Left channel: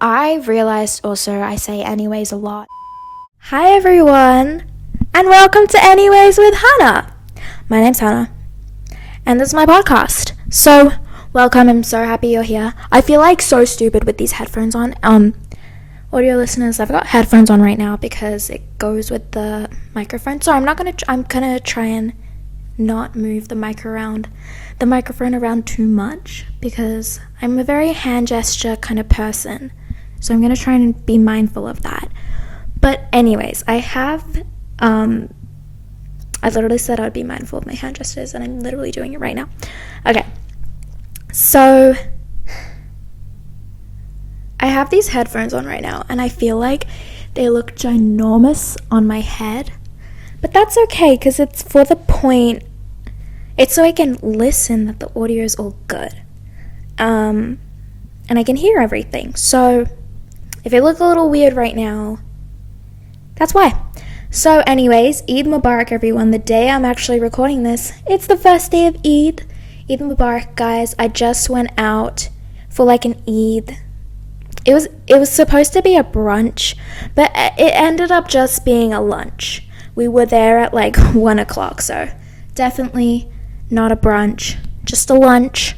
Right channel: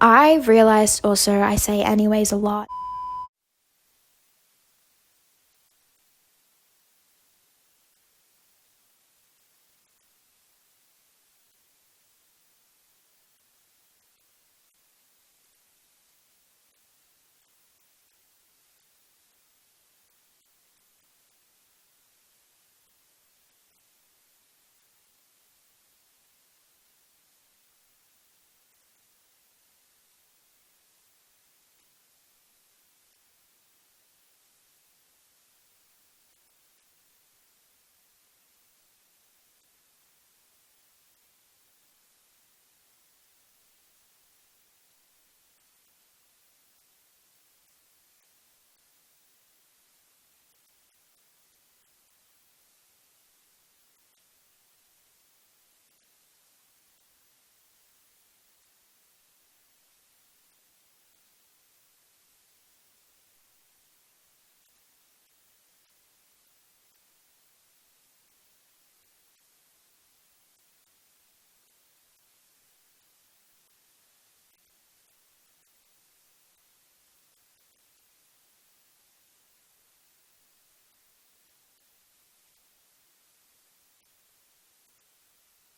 I realized also I say anyways a lot. Hi everyone, and welcome to Anyways with Hana. My name's Hana, and this is my podcast. So, welcome, I'm so happy you're here. I feel like so stupid with these headphones on. Audio listeners, I've got headphones on right now because it goes with the microphone. So I'm gonna try and not move the microphone around too much because I'm a very hand gesture kind of person. So I'm gonna try and be mindful of that. But anyways, I literally said I'd be mindful of my hand gestures, and I'm literally doing it right now. Okay, so I have these headphones on right now, and I feel like they look ginormous on my head. But that's okay, because it's for the point. It's so I can listen that the audio is all good. And I can hear everything. So if it look a little weird right now, that's why. So anyways, Eid Mubarak everyone. The day I'm actually recording this, it's the first day of Eid. Eid Mubarak, guys. I just went out for like an Eid. It was supposed to be a brunch, but it ended up just being a lunch. We were there at like 1 o'clock, so definitely not a brunch, just a lunch.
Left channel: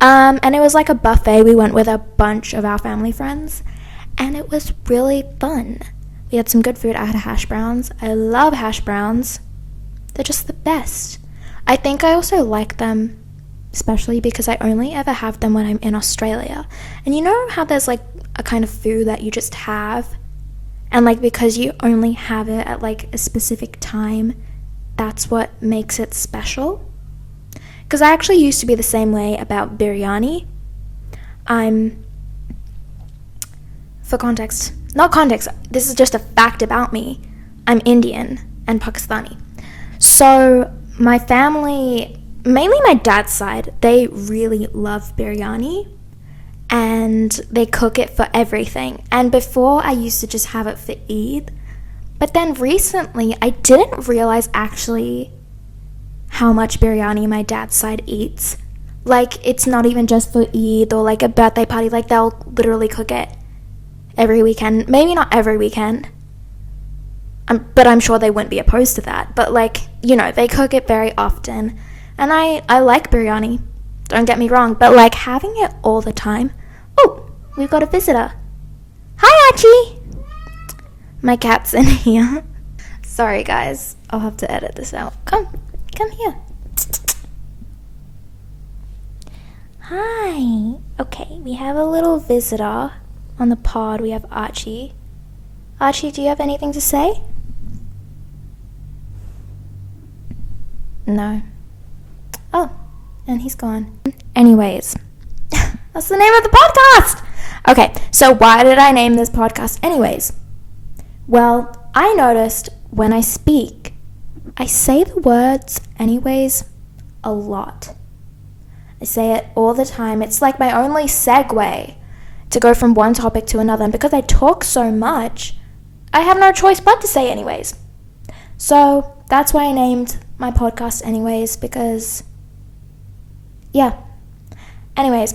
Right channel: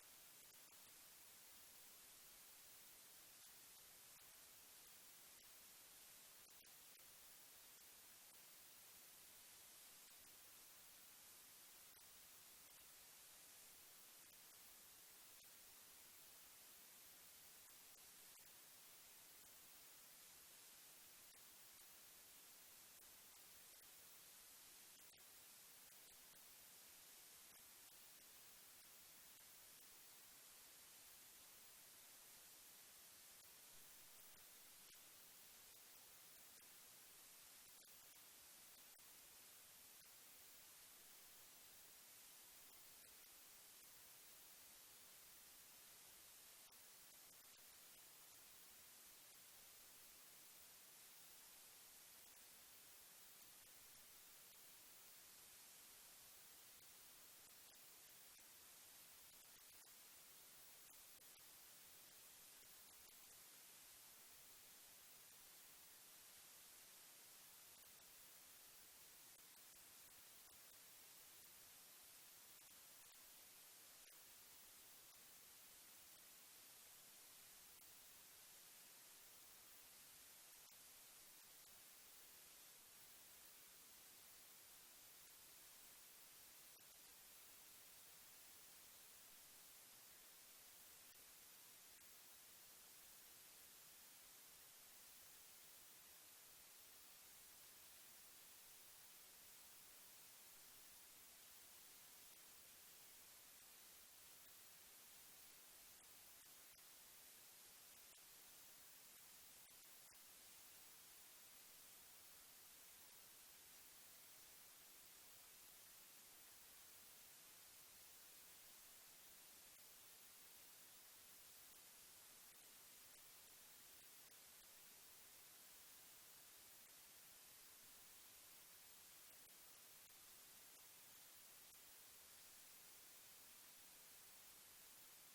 And it was like a buffet. We went with a bunch of our family friends, and it was really fun. We had some good food. I had hash browns. I love hash browns. They're just the best. I think I also like them, especially because I only ever have them when I'm in Australia. And you know how there's like a kind of food that you just have, and like because you only have it at like a specific time, that's what makes it special? Because I actually used to be the same way about biryani. Not context, this is just a fact about me. I'm Indian and Pakistani. So my family, mainly my dad's side, they really love biryani, and they cook it for everything. And before, I used to just have it for Eid, but then recently I didn't realize actually how much biryani my dad's side eats. Like, it's not even just for Eid or like a birthday party. Like, they'll literally cook it every weekend. Maybe not every weekend, but I'm sure they wouldn't be opposed to that. But like, you know, they cook it very often, and I like biryani, don't get me wrong, but like having it all the time. Oh, we've got a visitor. Hi, Archie. My cat's in here. Sorry guys, I'll have to edit this out. Come here. Hi. Okay, we have a little visitor on the pod. We have Archie. Archie, do you have anything to say? No. Oh, and he's gone. Anyways, that's the name of the podcast! Okay, so why did I name this podcast anyways? Well, I noticed when I speak, I say the words anyways a lot. I say it all the time. It's like my only segue to go from one topic to another. And because I talk so much, I have no choice but to say anyways. So that's why I named my podcast anyways, because, yeah. Anyways.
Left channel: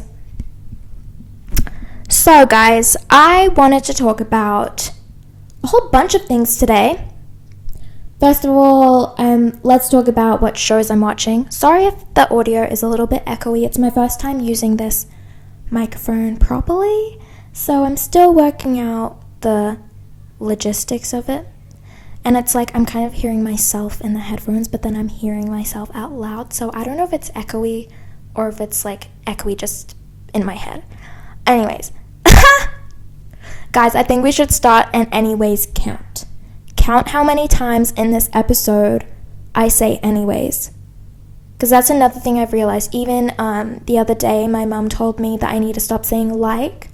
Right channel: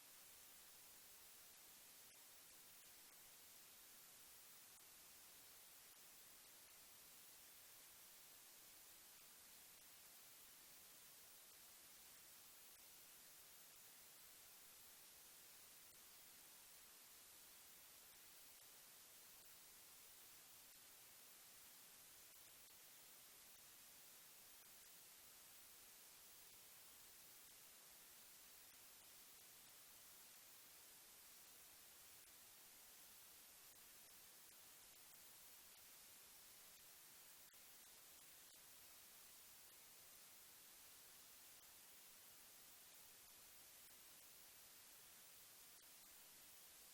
So guys, I wanted to talk about a whole bunch of things today. First of all, let's talk about what shows I'm watching. Sorry if the audio is a little bit echoey. It's my first time using this microphone properly, so I'm still working out the logistics of it. And it's like I'm kind of hearing myself in the headphones, but then I'm hearing myself out loud. So I don't know if it's echoey or if it's like echoey just in my head. Anyways. Guys, I think we should start an anyways count. Count how many times in this episode I say anyways. Because that's another thing I've realized. Even the other day, my mom told me that I need to stop saying like.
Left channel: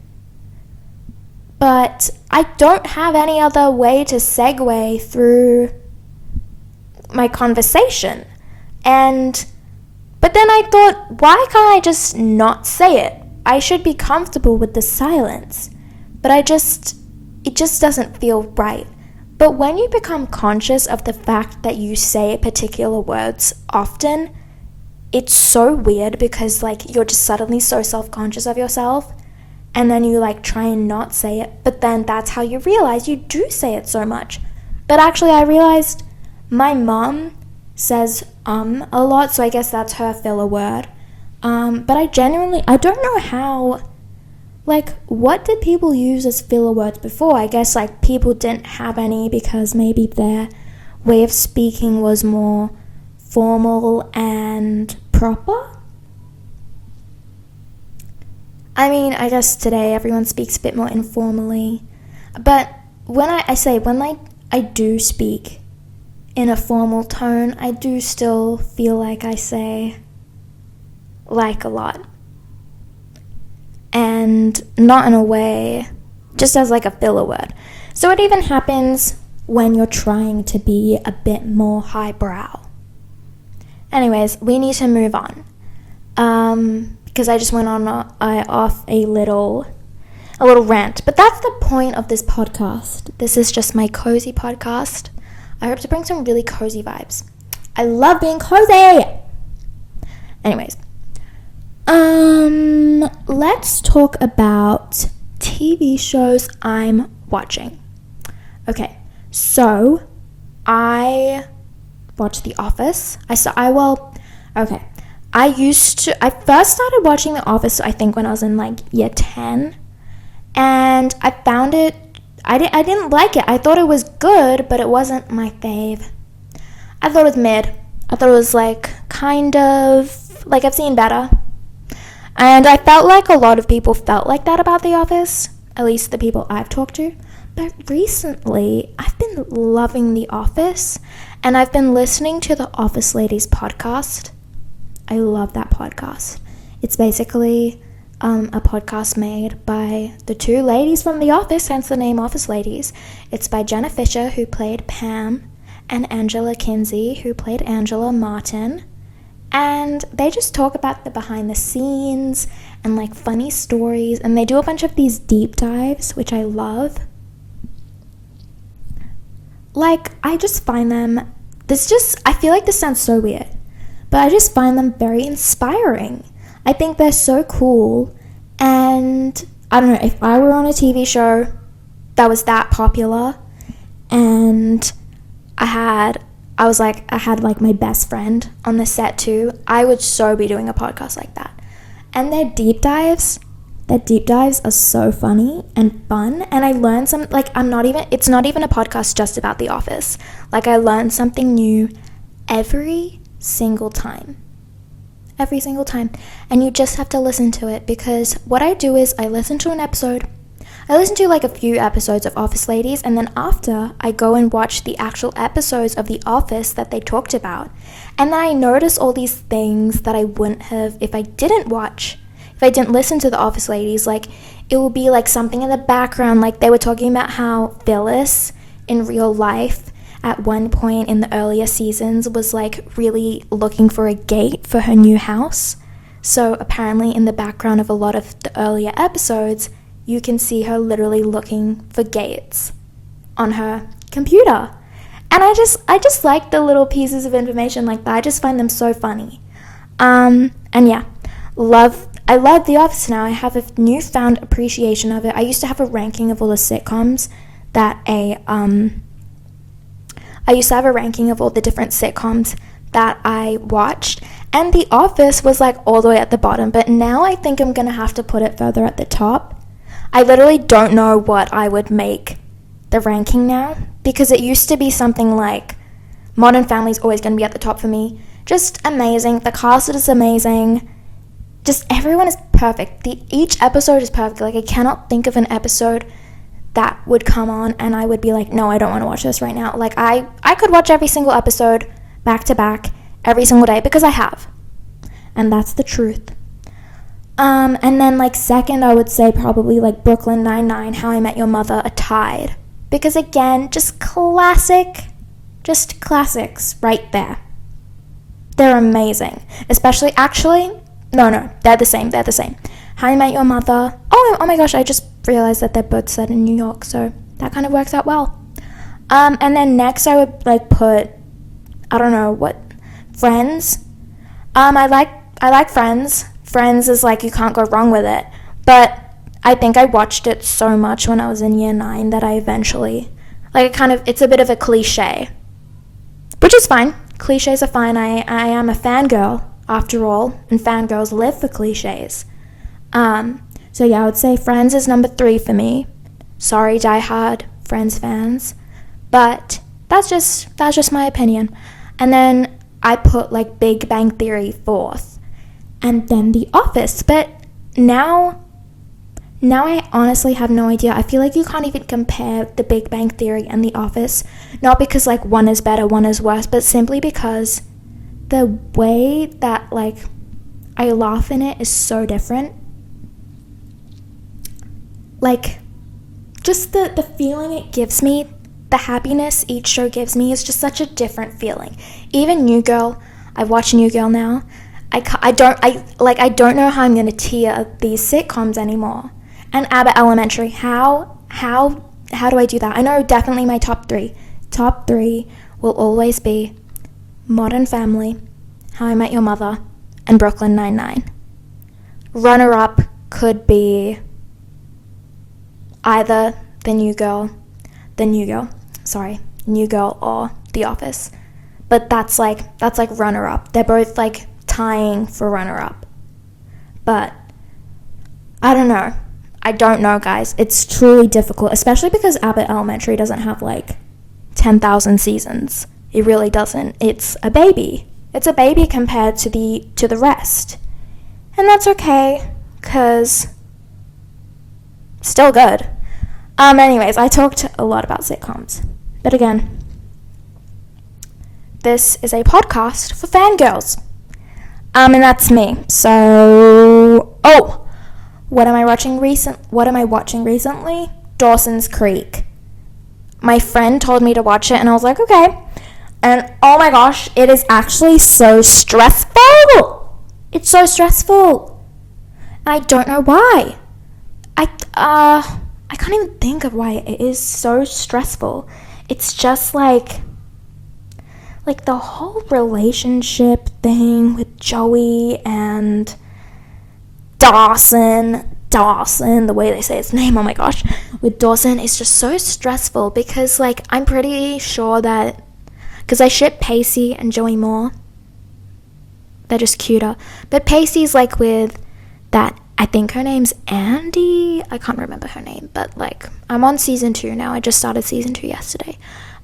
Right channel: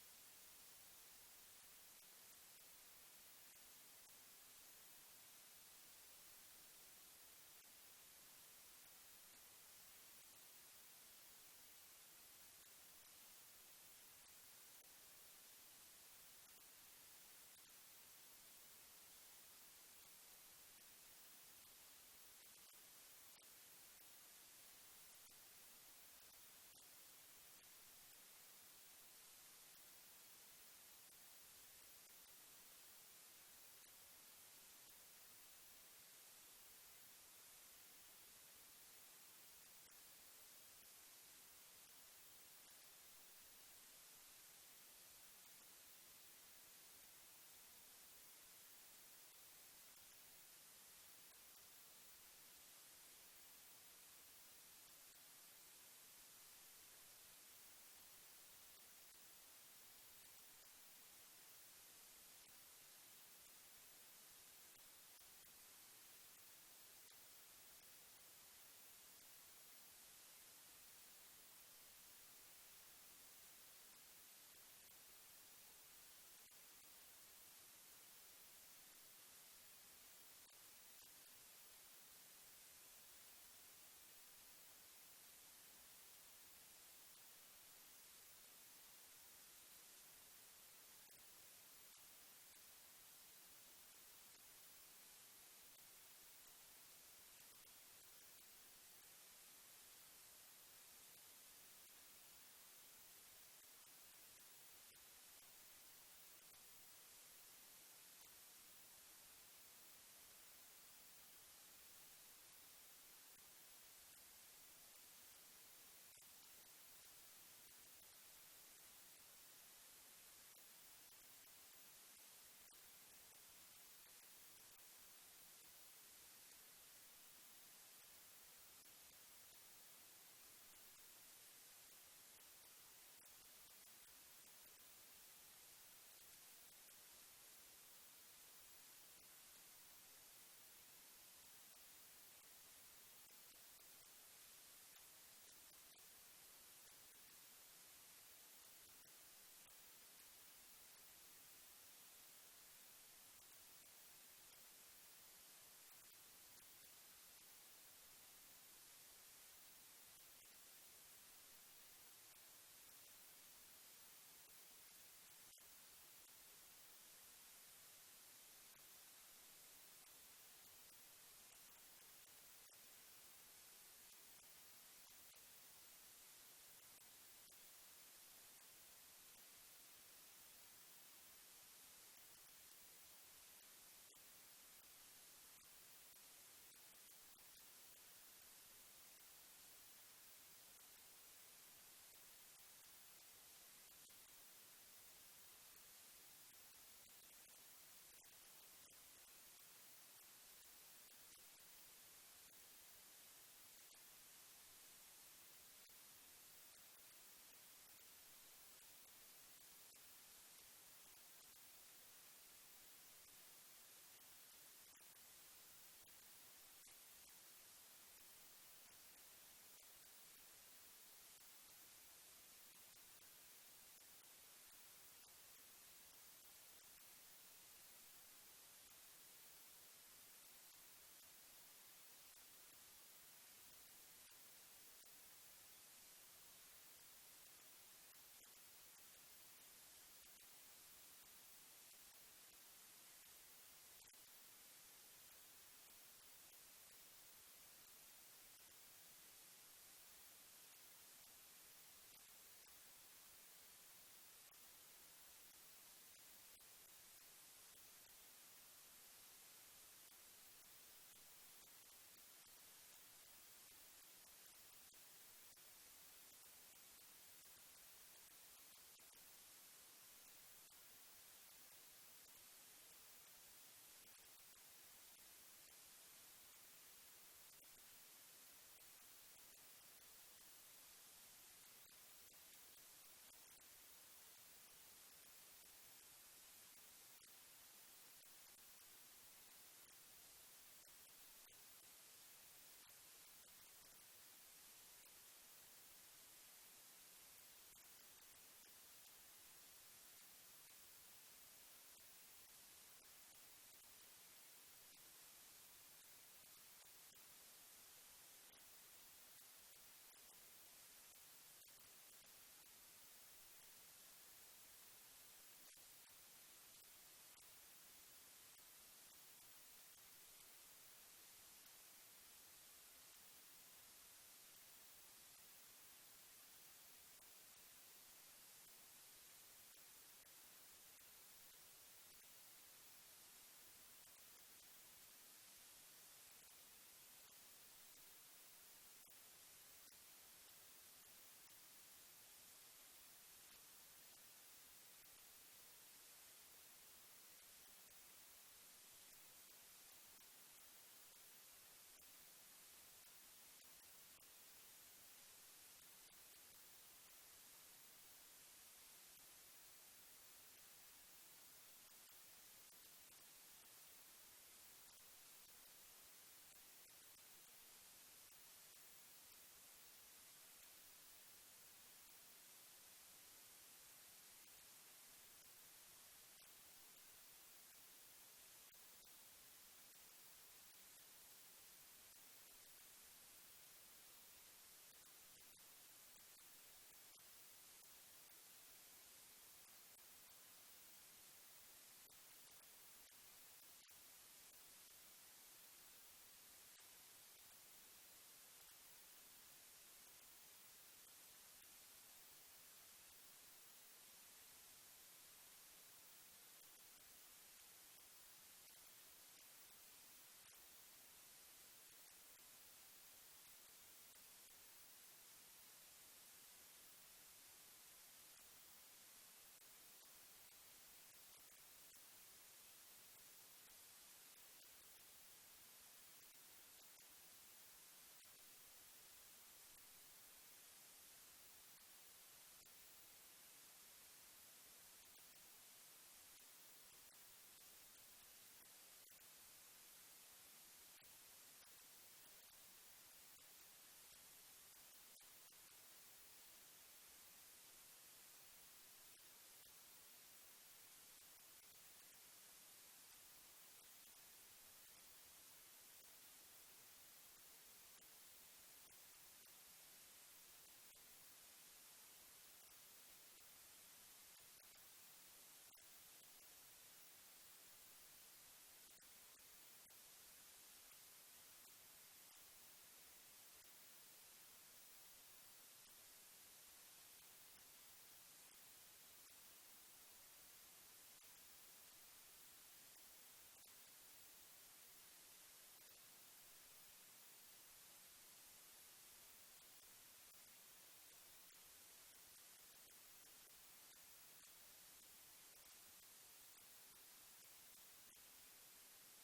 But I don't have any other way to segue through my conversation. But then I thought, why can't I just not say it? I should be comfortable with the silence. But it just doesn't feel right. But when you become conscious of the fact that you say particular words often, it's so weird because like you're just suddenly so self-conscious of yourself and then you like try and not say it, but then that's how you realize you do say it so much. But actually I realized my mom says a lot, so I guess that's her filler word. But I don't know how, like, what did people use as filler words before? I guess like people didn't have any because maybe their way of speaking was more formal and proper. I mean, I guess today everyone speaks a bit more informally, but when I do speak in a formal tone, I do still feel like I say like a lot, and not in a way, just as like a filler word. So it even happens when you're trying to be a bit more highbrow. Anyways, we need to move on. Because I just went on off a little rant. But that's the point of this podcast. This is just my cozy podcast. I hope to bring some really cozy vibes. I love being cozy! Anyways. Let's talk about TV shows I'm watching. Okay, so I watch The Office. I first started watching The Office, I think, when I was in like year 10, and I found it, I didn't like it. I thought it was good, but it wasn't my fave. I thought it was mid. I thought it was like kind of, like, I've seen better. And I felt like a lot of people felt like that about The Office, at least the people I've talked to. But recently, I've been loving The Office, and I've been listening to the Office Ladies podcast. I love that podcast. It's basically a podcast made by the two ladies from The Office, hence the name Office Ladies. It's by Jenna Fisher, who played Pam, and Angela Kinsey, who played Angela Martin. And they just talk about the behind the scenes and like funny stories, and they do a bunch of these deep dives, which I love. Like, I just find them, I feel like this sounds so weird, but I just find them very inspiring. I think they're so cool, and I don't know, if I were on a TV show that was that popular, and I had my best friend on the set too, I would so be doing a podcast like that. And their deep dives are so funny and fun, and I learned some, like, it's not even a podcast just about The Office. Like, I learn something new every single time, and you just have to listen to it, because what I do is I listen to like a few episodes of Office Ladies, and then after I go and watch the actual episodes of The Office that they talked about, and then I notice all these things that I wouldn't have if I didn't listen to the Office Ladies. Like, it will be like something in the background, like they were talking about how Phyllis in real life at one point in the earlier seasons was like really looking for a gate for her new house. So apparently in the background of a lot of the earlier episodes, you can see her literally looking for gates on her computer. And I just like the little pieces of information like that. I just find them so funny. And yeah, I love The Office now. I have a newfound appreciation of it. I used to have a ranking of all the sitcoms I used to have a ranking of all the different sitcoms that I watched, and The Office was like all the way at the bottom, but now I think I'm gonna have to put it further at the top. I literally don't know what I would make the ranking now, because it used to be something like Modern Family's always gonna be at the top for me. Just amazing. The cast is amazing. Just everyone is perfect. Each episode is perfect. Like, I cannot think of an episode that would come on and I would be like, no, I don't want to watch this right now. Like, I could watch every single episode back to back every single day, because I have. And that's the truth. And then, like, second, I would say probably, like, Brooklyn Nine-Nine, How I Met Your Mother, are tied. Because, again, just classics right there. They're amazing. Especially, actually, no, they're the same. How I Met Your Mother. Oh my gosh, I just realized that they're both set in New York, so that kind of works out well. And then next I would, like, put, I don't know, what, Friends. I like Friends. Friends is like, you can't go wrong with it. But I think I watched it so much when I was in year 9 that I eventually, it's a bit of a cliche, which is fine. Cliches are fine. I am a fangirl after all, and fangirls live for cliches. So yeah, I would say Friends is number 3 for me. Sorry, diehard Friends fans, but that's just my opinion. And then I put like Big Bang Theory 4th, and then The Office. But now I honestly have no idea. I feel like you can't even compare The Big Bang Theory and The Office, not because like one is better, one is worse, but simply because the way that like I laugh in it is so different. Like, just the feeling it gives me, the happiness each show gives me is just such a different feeling. Even New Girl, I've watched New Girl now. I don't know how I'm gonna tier these sitcoms anymore. And Abbott Elementary, how do I do that? I know definitely my top 3. Top 3 will always be Modern Family, How I Met Your Mother, and Brooklyn Nine-Nine. Runner-up could be either New Girl or The Office. But that's like runner-up. They're both like tying for runner-up. But I don't know, guys. It's truly difficult, especially because Abbott Elementary doesn't have like 10,000 seasons. It really doesn't. It's a baby. It's a baby compared to the rest. And that's okay, cause still good. Anyways, I talked a lot about sitcoms. But again, this is a podcast for fangirls. And that's me. So, what am I watching recently? Dawson's Creek. My friend told me to watch it, and I was like, okay. And oh my gosh, it is actually so stressful. It's so stressful. And I don't know why. I can't even think of why it is so stressful. It's just like the whole relationship thing with Joey and Dawson, the way they say his name, oh my gosh, with Dawson is just so stressful because like I'm pretty sure that, because I ship Pacey and Joey more, they're just cuter, but Pacey's like with that, I think her name's Andy, I can't remember her name, but like I'm on season 2 now. I just started season 2 yesterday.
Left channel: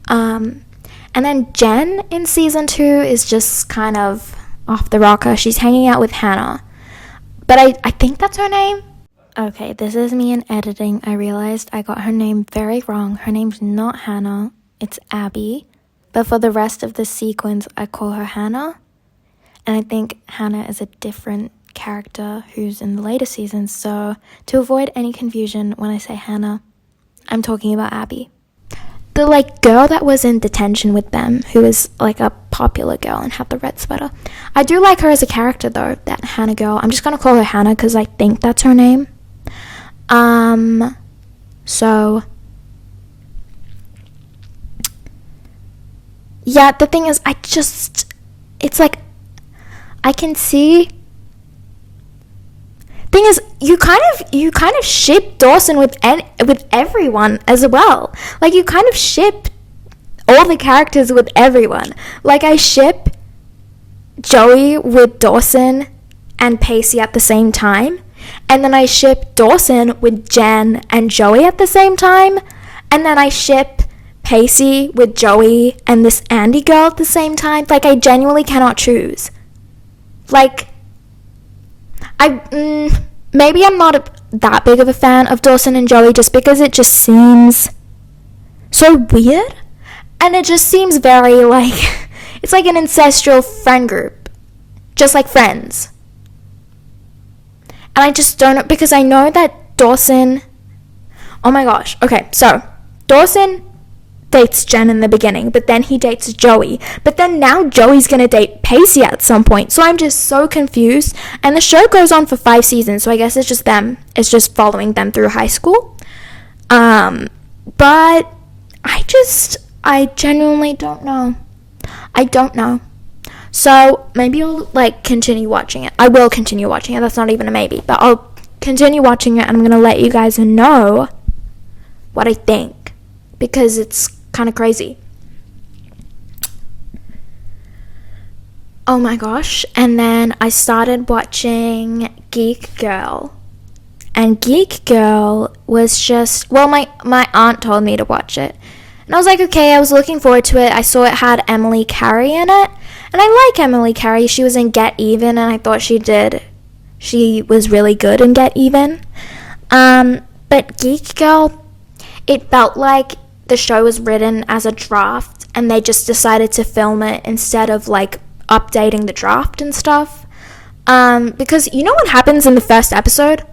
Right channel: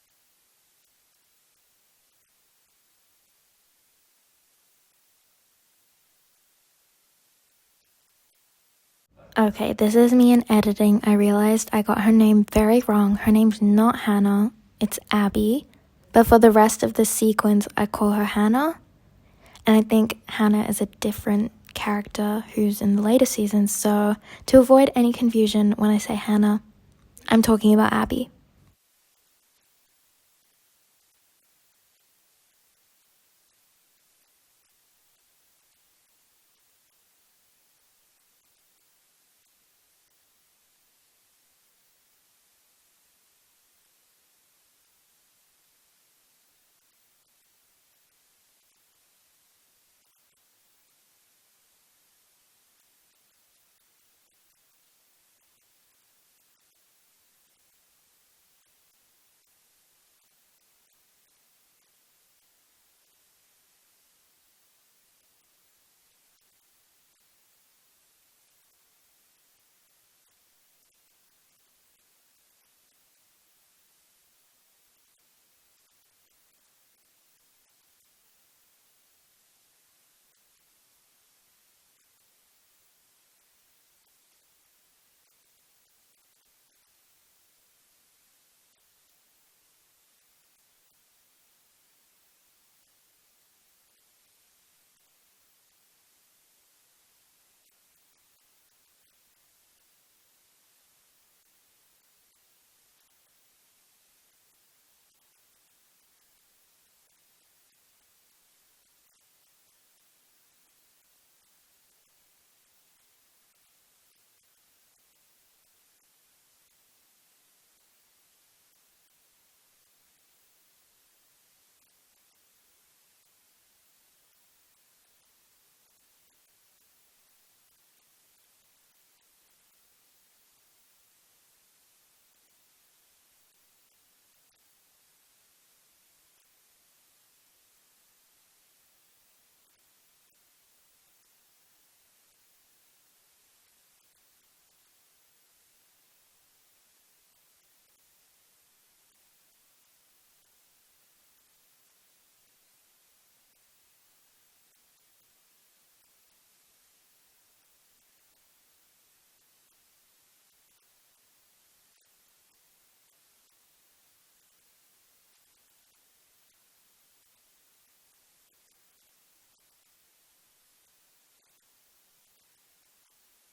And then Jen in season 2 is just kind of off the rocker. She's hanging out with Hana, but I think that's her name. Okay, this is me in editing. I realized I got her name very wrong. Her name's not Hannah, it's Abby, but for the rest of the sequence I call her Hana, and I think Hannah is a different character who's in the later seasons, so to avoid any confusion when I say Hannah, I'm talking about Abby. The like girl that was in detention with them, who is like a popular girl and had the red sweater. I do like her as a character though, that Hannah girl. I'm just gonna call her Hannah because I think that's her name. So yeah, the thing is, it's like I can see. Thing is, you kind of ship Dawson with everyone as well. Like you kind of ship all the characters with everyone. Like I ship Joey with Dawson and Pacey at the same time, and then I ship Dawson with Jen and Joey at the same time, and then I ship Pacey with Joey and this Andy girl at the same time. Like I genuinely cannot choose. Like maybe I'm not that big of a fan of Dawson and Joey just because it just seems so weird, and it just seems very like it's like an ancestral friend group, just like Friends. And I just don't know, because I know that Dawson, oh my gosh, okay, so Dawson dates Jen in the beginning, but then he dates Joey, but then now Joey's gonna date Pacey at some point, so I'm just so confused. And the show goes on for 5 seasons, so I guess it's just following them through high school. But I genuinely don't know. So maybe I'll like continue watching it. I will continue watching it, that's not even a maybe, but I'll continue watching it, and I'm going to let you guys know what I think, because it's kind of crazy. Oh my gosh. And then I started watching Geek Girl. And Geek Girl was just, well, my aunt told me to watch it. And I was like, okay, I was looking forward to it. I saw it had Emily Carey in it. And I like Emily Carey. She was in Get Even, and I thought she was really good in Get Even. But Geek Girl, it felt like the show was written as a draft, and they just decided to film it instead of, like, updating the draft and stuff. Because you know what happens in the first episode?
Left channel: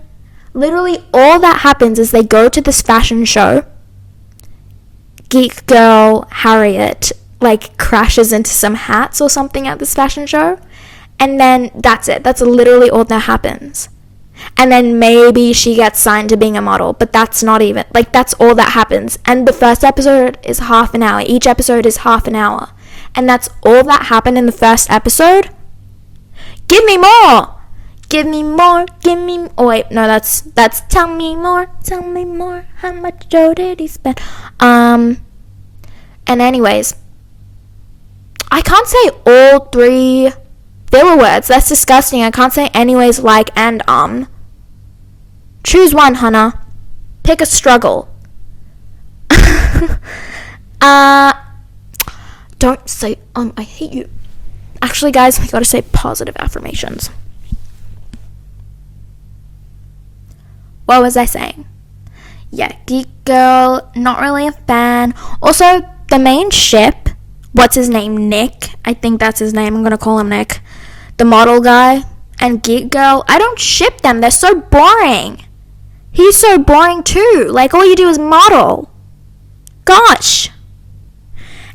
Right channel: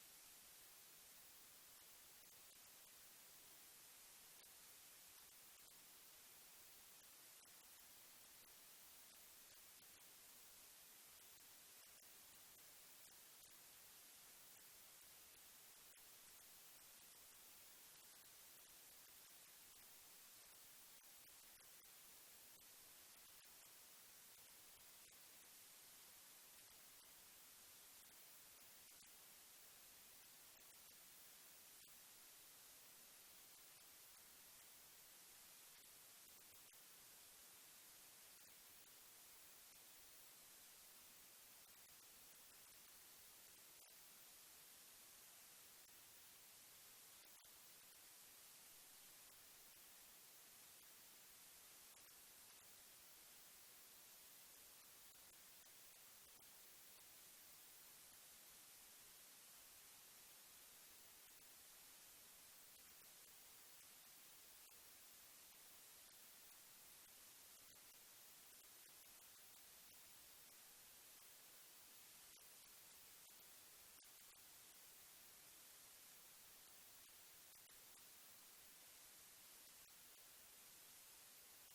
Literally all that happens is they go to this fashion show. Geek Girl Harriet, like, crashes into some hats or something at this fashion show. And then that's it. That's literally all that happens. And then maybe she gets signed to being a model, but that's not even, like, that's all that happens. And the first episode is half an hour. Each episode is half an hour. And that's all that happened in the first episode. Give me more! Give me more, give me... Oh, wait, no, that's tell me more, how much Joe did he spend? And anyways, I can't say all 3 filler words. That's disgusting. I can't say anyways, like, and, Choose one, Hana. Pick a struggle. Don't say, I hate you. Actually, guys, we gotta say positive affirmations. What was I saying? Yeah, Geek Girl, not really a fan. Also, the main ship, what's his name? Nick. I think that's his name. I'm gonna call him Nick. The model guy and Geek Girl, I don't ship them. They're so boring. He's so boring too. Like, all you do is model. Gosh.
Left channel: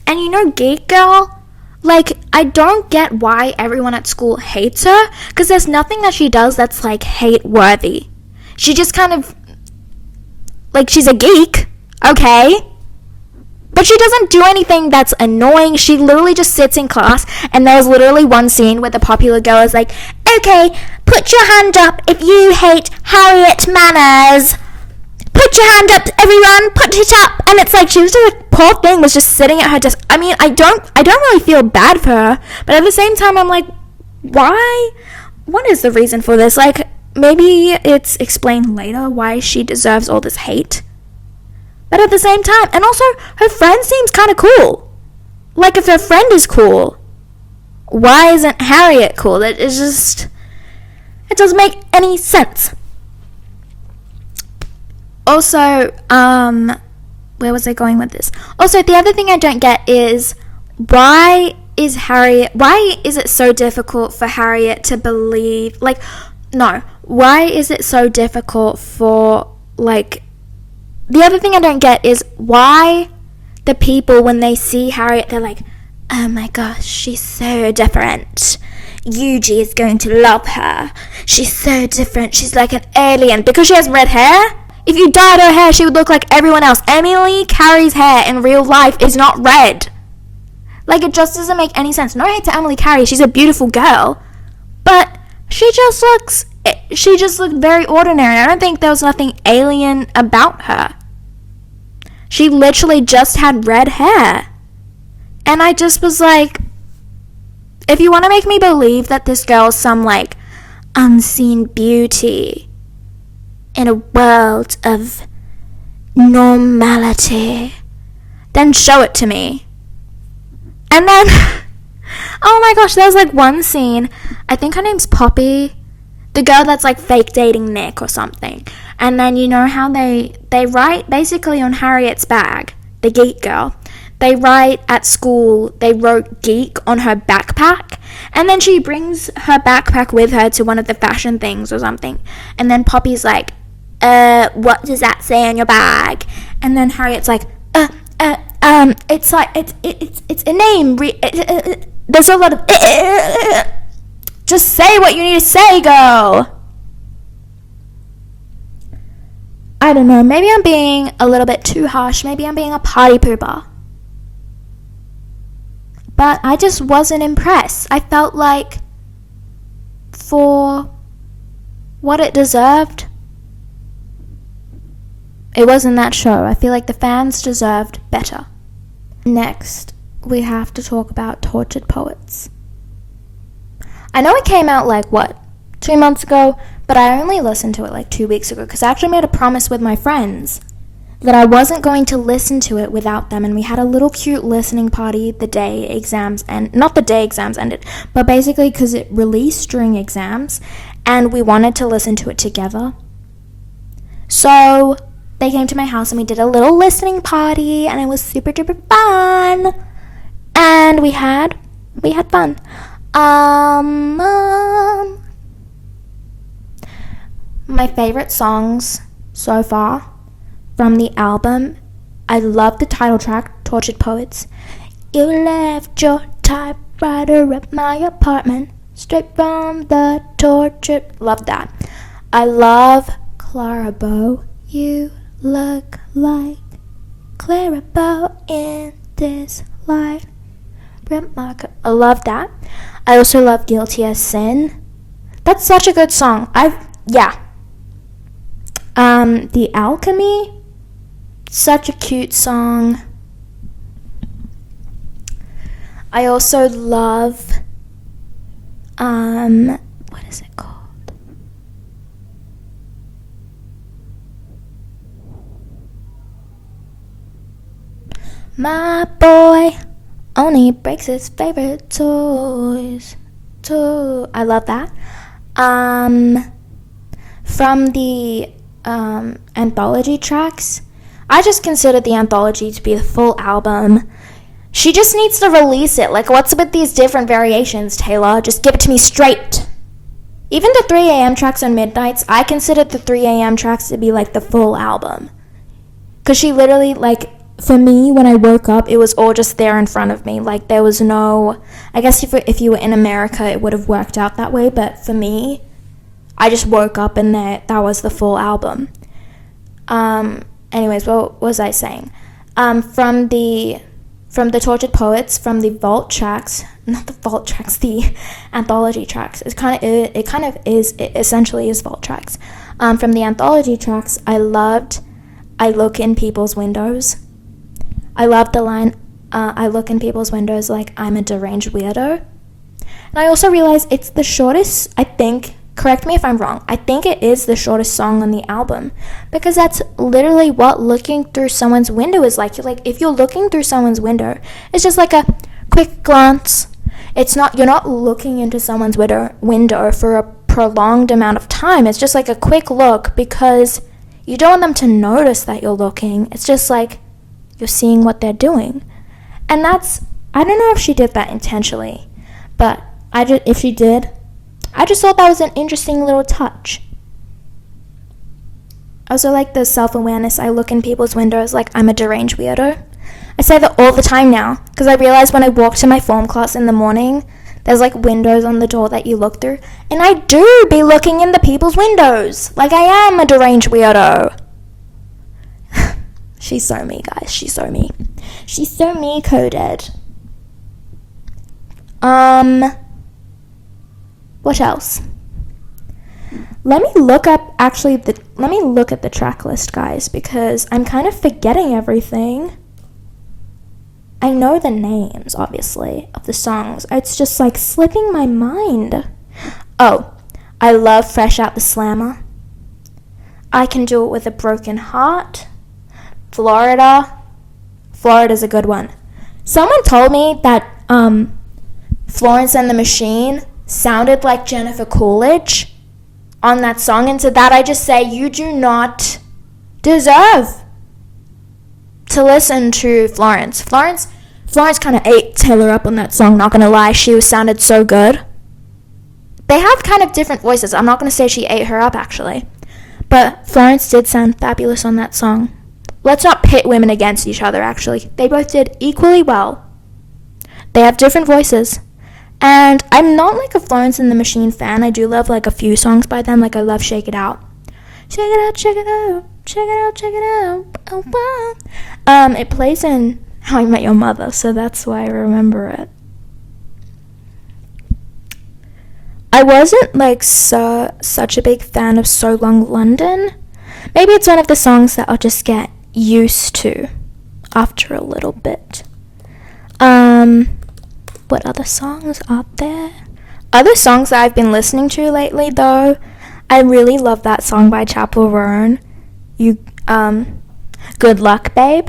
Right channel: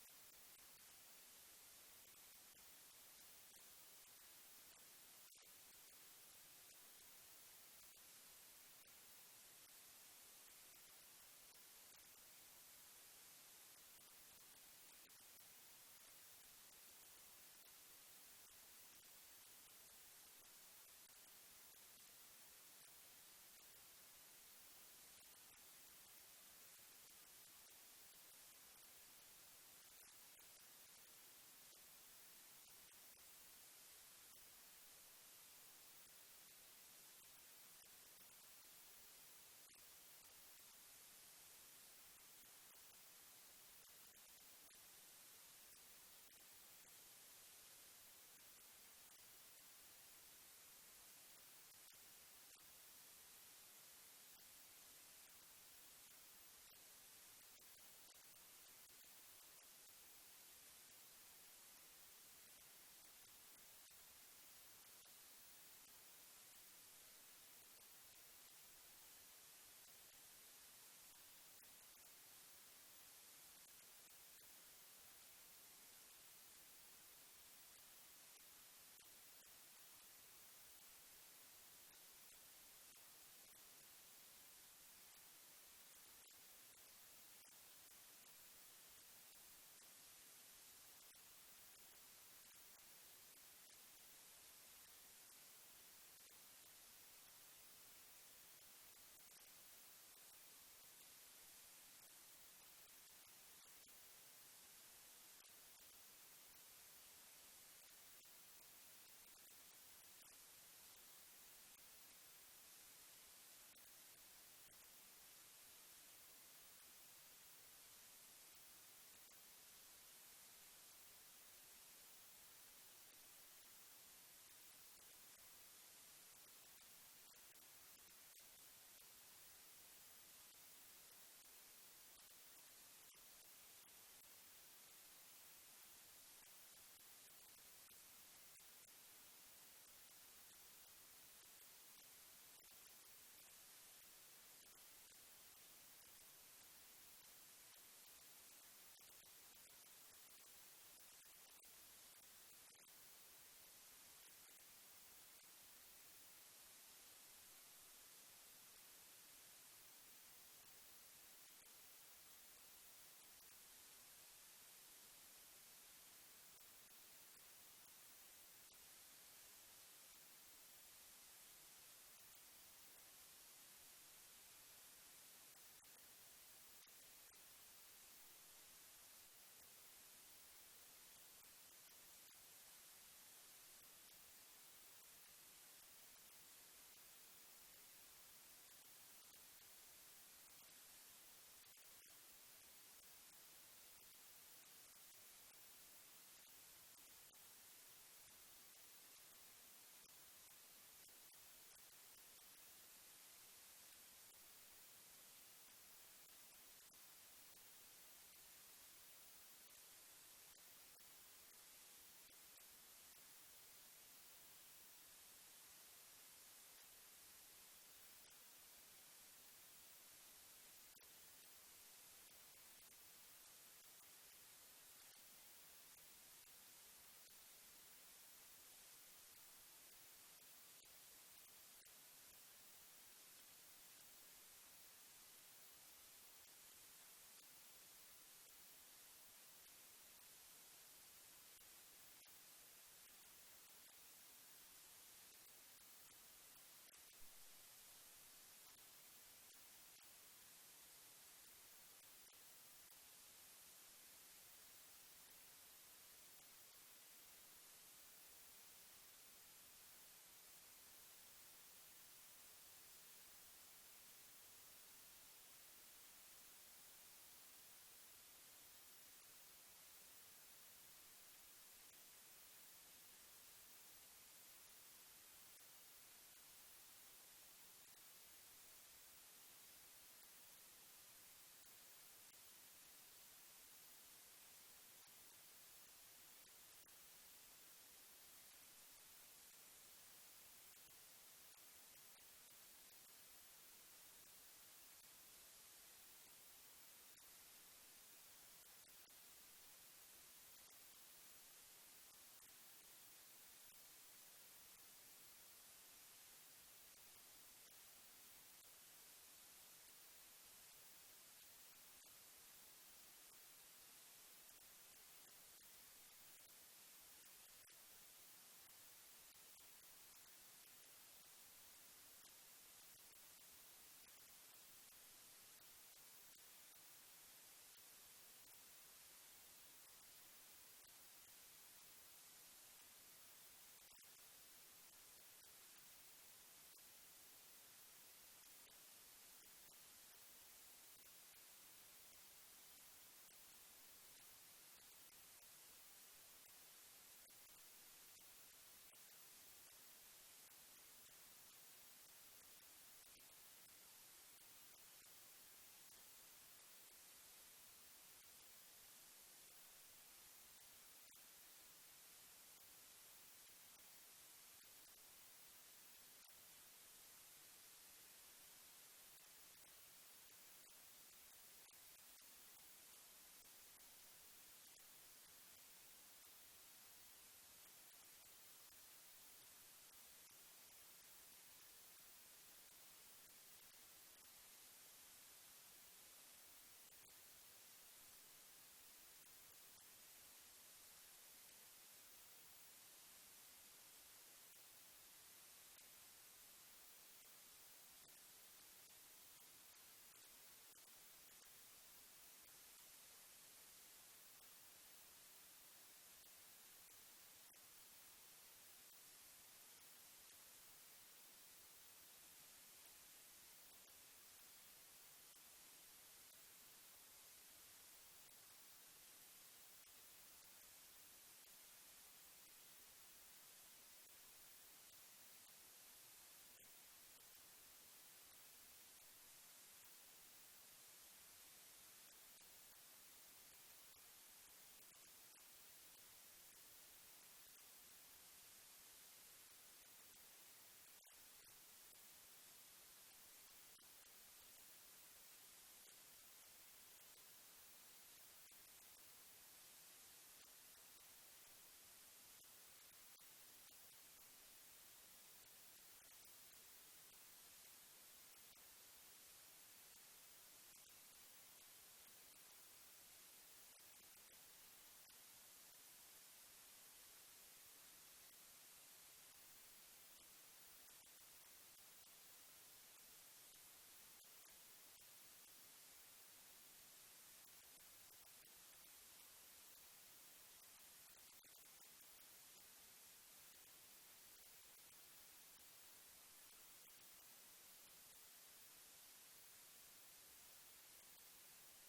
And you know, Geek Girl, like, I don't get why everyone at school hates her, because there's nothing that she does that's, like, hate-worthy. She just kind of, like, she's a geek, okay? But she doesn't do anything that's annoying. She literally just sits in class, and there was literally one scene where the popular girl is like, okay, put your hand up if you hate Harriet Manners. Put your hand up, everyone, put it up. And it's like, she was just, like, poor thing was just sitting at her desk. I mean, I don't really feel bad for her, but at the same time, I'm like, why? What is the reason for this? Like, maybe it's explained later why she deserves all this hate. But at the same time, and also, her friend seems kind of cool. Like, if her friend is cool, why isn't Harriet cool? It doesn't make any sense. Also, where was I going with this? Also, the other thing I don't get is, why is it so difficult for Harriet to believe, why is it so difficult for, like, the other thing I don't get is why the people, when they see Harriet, they're like, oh my gosh, she's so different. Yuji is going to love her. She's so different. She's like an alien. Because she has red hair? If you dyed her hair, she would look like everyone else. Emily Carey's hair in real life is not red. Like, it just doesn't make any sense. No hate to Emily Carey. She's a beautiful girl. But she just looked very ordinary. I don't think there was nothing alien about her. She literally just had red hair. And I just was like, if you want to make me believe that this girl's some, like, unseen beauty in a world of normality, then show it to me. And then, oh my gosh, there's, like, one scene, I think her name's Poppy, the girl that's, like, fake dating Nick or something. And then you know how they write basically on Harriet's bag, the geek girl. They write at school, they wrote geek on her backpack. And then she brings her backpack with her to one of the fashion things or something. And then Poppy's like, what does that say on your bag? And then Harriet's like, it's like, it's a name. There's a lot of, just say what you need to say, girl. I don't know, maybe I'm being a little bit too harsh. Maybe I'm being a party pooper. But I just wasn't impressed. I felt like for what it deserved, It wasn't that show. I feel like the fans deserved better. Next, we have to talk about Tortured Poets. I know it came out 2 months ago, but I only listened to it 2 weeks ago because I actually made a promise with my friends that I wasn't going to listen to it without them, and we had a little cute listening party the day exams not the day exams ended, but basically because it released during exams, and we wanted to listen to it together. So they came to my house and we did a little listening party, and it was super duper fun, and we had fun. My favorite songs so far from the album, I love the title track, Tortured Poets. You left your typewriter at my apartment, straight from the tortured. Love that. I love Clara Bow. You look like Clara Bow in this light. I love that. I also love Guilty as Sin. That's such a good song. The Alchemy, such a cute song. I also love, what is it called? My boy only breaks his favorite toys. I love that. From the anthology tracks, I just consider the anthology to be the full album. She just needs to release it. What's with these different variations, Taylor? Just give it to me straight. Even the 3 a.m. tracks on Midnights, I consider the 3 a.m. tracks to be the full album. Because she literally, for me, when I woke up, it was all just there in front of me. There was no, I guess if you were in America, it would have worked out that way. But for me, I just woke up and that was the full album. Anyways, what was I saying? From the Tortured Poets, from the vault tracks, not the vault tracks, the anthology tracks. It essentially is vault tracks. From the anthology tracks, I loved I Look in People's Windows. I love the line, I look in people's windows like I'm a deranged weirdo. And I also realized it's the shortest, I think, correct me if I'm wrong, I think it is the shortest song on the album. Because that's literally what looking through someone's window is like. If you're looking through someone's window, it's just a quick glance. You're not looking into someone's window for a prolonged amount of time. It's just a quick look because you don't want them to notice that you're looking. It's just you're seeing what they're doing. And I don't know if she did that intentionally, but if she did, I just thought that was an interesting little touch. I also like the self-awareness. I look in people's windows like I'm a deranged weirdo. I say that all the time now, because I realize when I walk to my form class in the morning, there's windows on the door that you look through, and I do be looking in the people's windows like I am a deranged weirdo. She's so me, guys. She's so me. She's so me coded. What else? Let me look at the track list, guys, because I'm kind of forgetting everything. I know the names, obviously, of the songs. It's just slipping my mind. Oh, I love Fresh Out the Slammer. I Can Do It With a Broken Heart. Florida's a good one. Someone told me that Florence and the Machine sounded like Jennifer Coolidge on that song, and to that I just say you do not deserve to listen to Florence. Florence kind of ate Taylor up on that song, not gonna lie. She sounded so good. They have kind of different voices. I'm not gonna say she ate her up, actually, but Florence did sound fabulous on that song. Let's not pit women against each other, actually. They both did equally well. They have different voices. And I'm not a Florence and the Machine fan. I do love a few songs by them. I love Shake It Out. Shake it out, shake it out, shake it out, shake it out. Oh, wow. It plays in How I Met Your Mother, so that's why I remember it. I wasn't such a big fan of So Long London, Maybe it's one of the songs that I'll just get used to after a little bit. What other songs are there? Other songs that I've been listening to lately, though, I really love that song by Chappell Roan. Good Luck, Babe.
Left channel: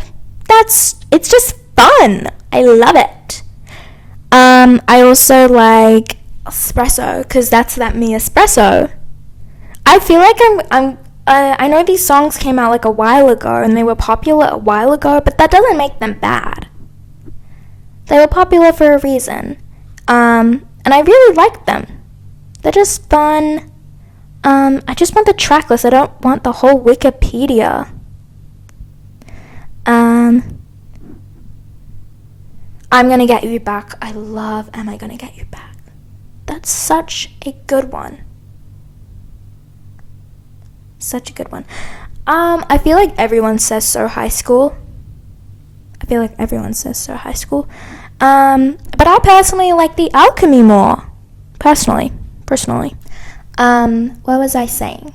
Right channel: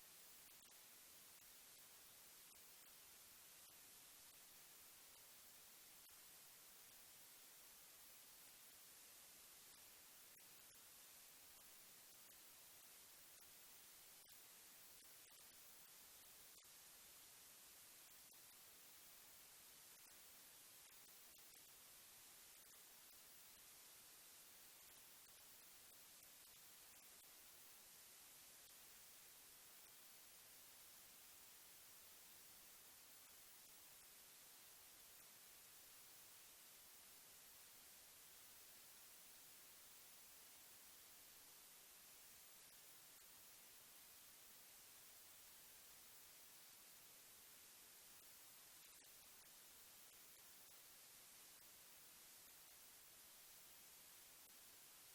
It's just fun. I love it. I also like Espresso, because that's that me espresso. I feel like I know these songs came out like a while ago and they were popular a while ago, but that doesn't make them bad. They were popular for a reason. And I really like them. They're just fun. I just want the track list. I don't want the whole Wikipedia. I'm Gonna Get You Back. I love Am I Gonna Get You Back. That's such a good one. Such a good one. I feel like everyone says So High School. But I personally like The Alchemy more. Personally. What was I saying?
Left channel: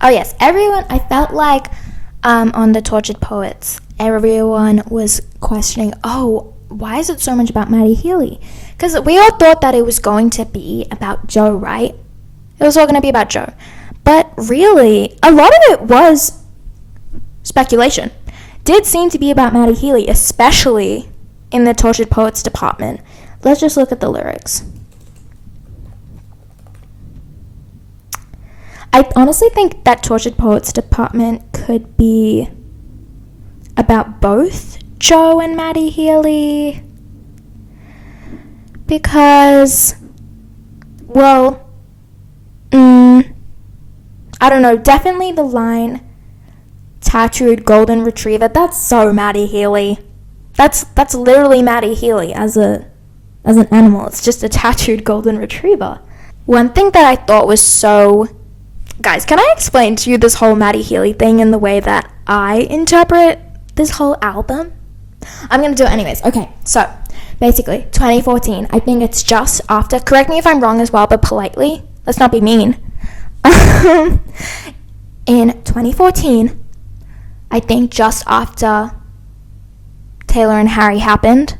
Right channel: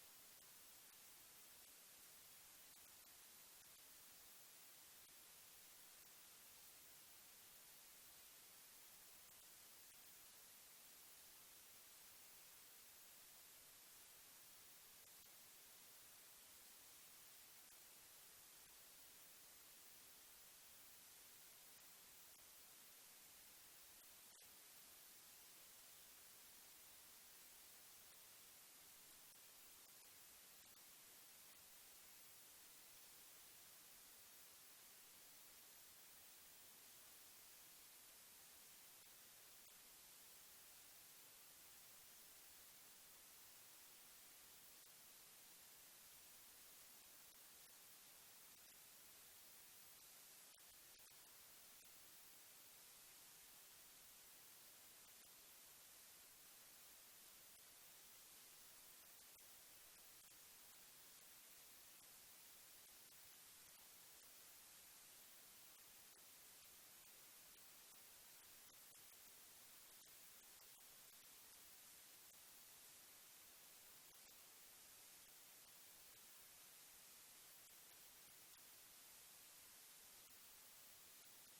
Oh yes, I felt like on the Tortured Poets, everyone was questioning, why is it so much about Maddie Healy? Because we all thought that it was going to be about Joe, right? It was all going to be about Joe. But really, a lot of it was speculation. Did seem to be about Maddie Healy, especially in the Tortured Poets department. Let's just look at the lyrics. I honestly think that Tortured Poets department could be about both Joe and Maddie Healy. Because, well, I don't know, definitely the line tattooed golden retriever, that's so Maddie Healy. That's literally Maddie Healy as an animal. It's just a tattooed golden retriever. One thing that I thought was so... Guys, can I explain to you this whole Maddie Healy thing in the way that I interpret this whole album? I'm going to do it anyways. Okay, so basically, 2014, I think it's just after... Correct me if I'm wrong as well, but politely. Let's not be mean. In 2014, I think just after Taylor and Harry happened,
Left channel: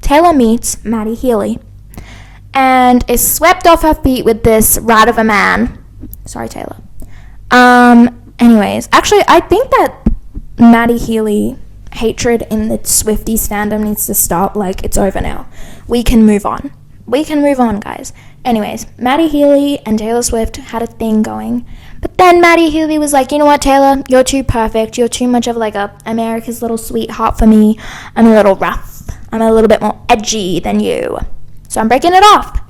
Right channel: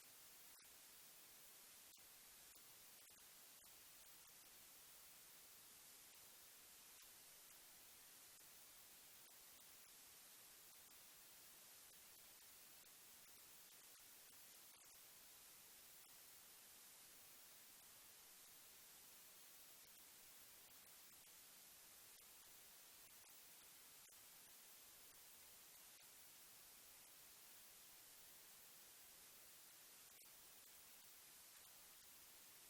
Taylor meets Maddie Healy and is swept off her feet with this rat of a man. Sorry, Taylor. Anyways, actually, I think that Maddie Healy hatred in the Swifties fandom needs to stop. Like, it's over now. We can move on. Guys. Anyways, Maddie Healy and Taylor Swift had a thing going. But then Maddie Healy was like, you know what, Taylor? You're too perfect. You're too much of like a America's little sweetheart for me. I'm a little rough. I'm a little bit more edgy than you. So I'm breaking it off.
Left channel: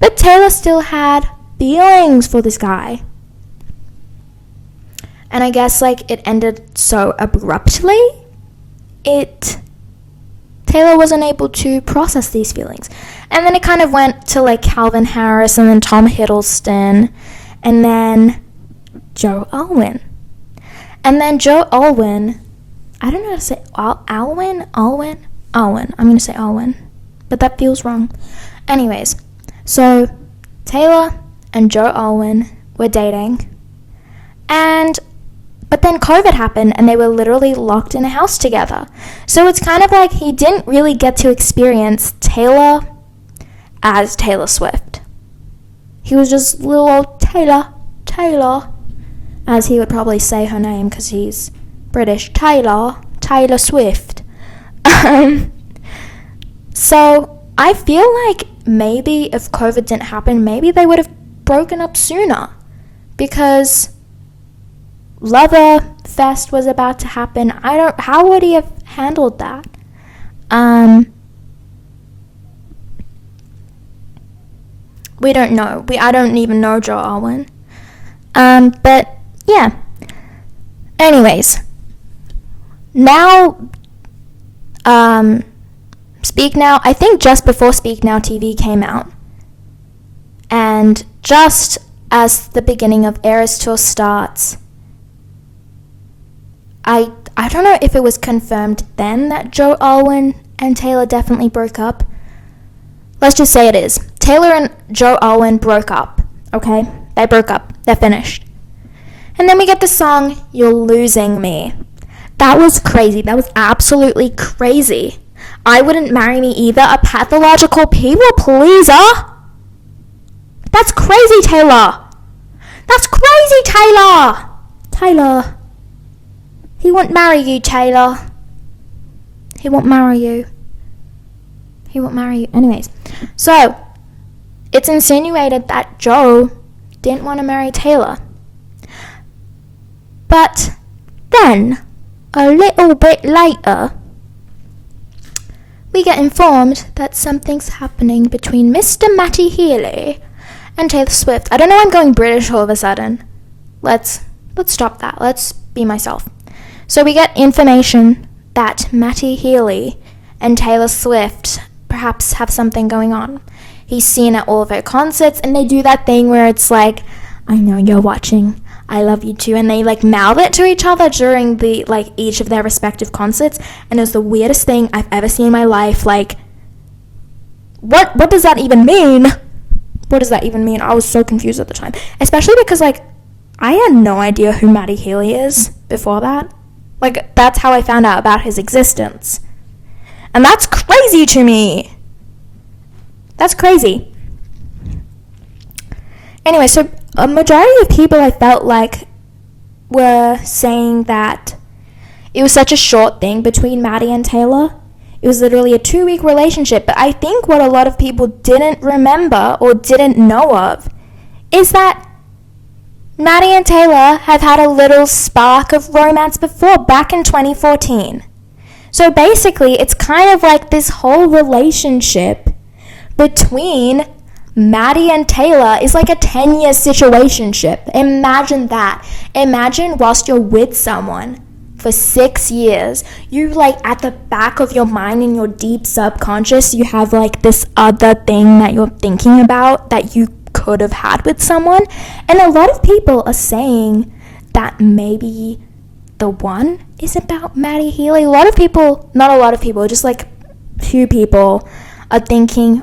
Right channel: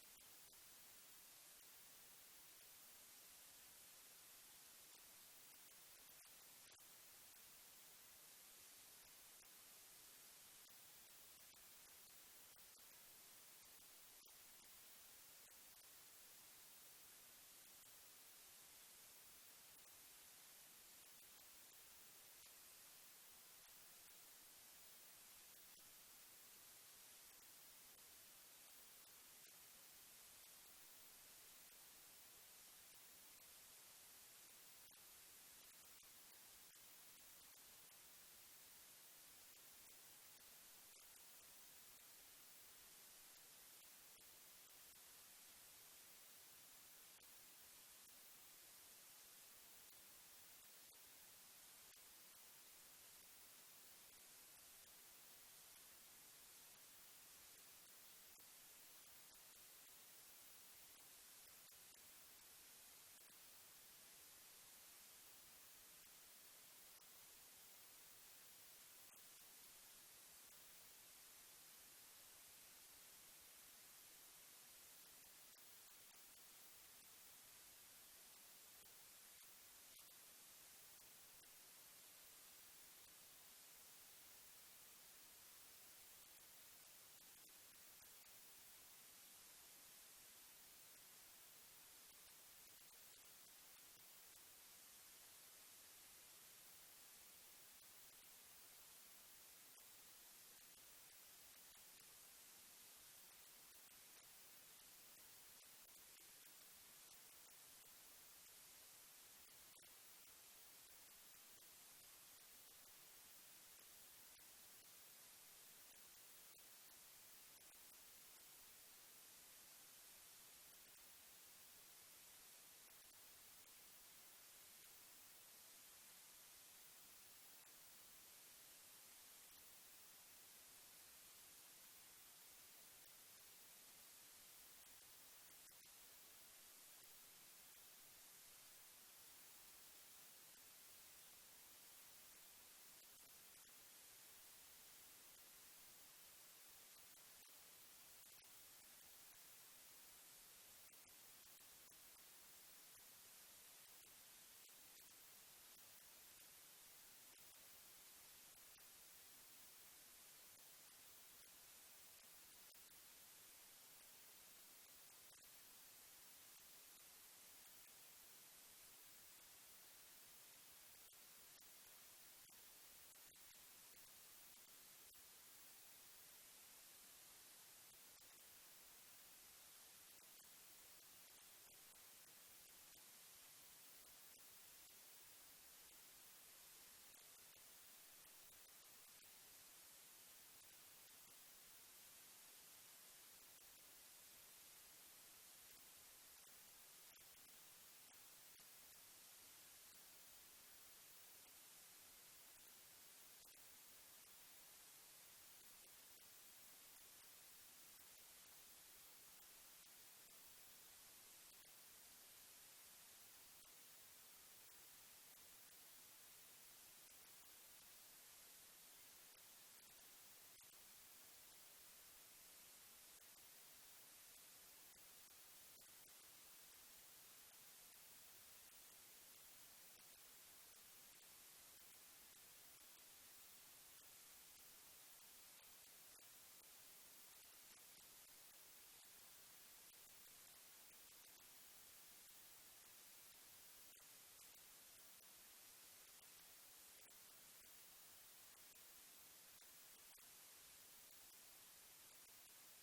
But Taylor still had feelings for this guy. And I guess like it ended so abruptly. Taylor wasn't able to process these feelings. And then it kind of went to like Calvin Harris and then Tom Hiddleston and then Joe Alwyn. And then Joe Alwyn, I don't know how to say Alwyn. I'm going to say Alwyn, but that feels wrong. Anyways, so Taylor and Joe Alwyn were dating, but then COVID happened and they were literally locked in a house together. So it's kind of like he didn't really get to experience Taylor as Taylor Swift. He was just little old Taylor, as he would probably say her name because he's British. Taylor Swift. So I feel like maybe if COVID didn't happen, maybe they would have broken up sooner, because Lover Fest was about to happen. How would he have handled that? We don't know. I don't even know Joe Alwyn. But yeah. Anyways, now, Speak Now, I think just before Speak Now TV came out, and just as the beginning of Eras Tour starts, I don't know if it was confirmed then that Joe Alwyn and Taylor definitely broke up. Let's just say it is. Taylor and Joe Alwyn broke up, okay? They broke up. They're finished. And then we get the song, You're Losing Me. That was crazy. That was absolutely crazy. I wouldn't marry me either. A pathological people pleaser? That's crazy, Taylor. That's crazy, Taylor. Taylor. He won't marry you, Taylor. He won't marry you. He won't marry you. Anyways, so it's insinuated that Joe didn't want to marry Taylor. But then, a little bit later, we get informed that something's happening between Mr. Matty Healy and Taylor Swift. I don't know why I'm going British all of a sudden. Let's stop that. Let's be myself. So we get information that Matty Healy and Taylor Swift perhaps have something going on. He's seen at all of her concerts, and they do that thing where it's like, I know you're watching, I love you too, and they like mouth it to each other during the like each of their respective concerts, and it was the weirdest thing I've ever seen in my life. Like, what does that even mean? What does that even mean? I was so confused at the time, especially because like I had no idea who Matty Healy is before that. Like, that's how I found out about his existence. And that's crazy to me. That's crazy. Anyway, so a majority of people I felt like were saying that it was such a short thing between Maddie and Taylor. It was literally a 2-week relationship. But I think what a lot of people didn't remember or didn't know of is that Maddie and Taylor have had a little spark of romance before, back in 2014. So basically, it's kind of like this whole relationship between Maddie and Taylor is like a 10-year situationship. Imagine that. Imagine whilst you're with someone for 6 years, you like at the back of your mind, in your deep subconscious, you have like this other thing that you're thinking about that you could have had with someone. And a lot of people are saying that maybe the one is about Matty Healy. A lot of people, not a lot of people, just like few people are thinking,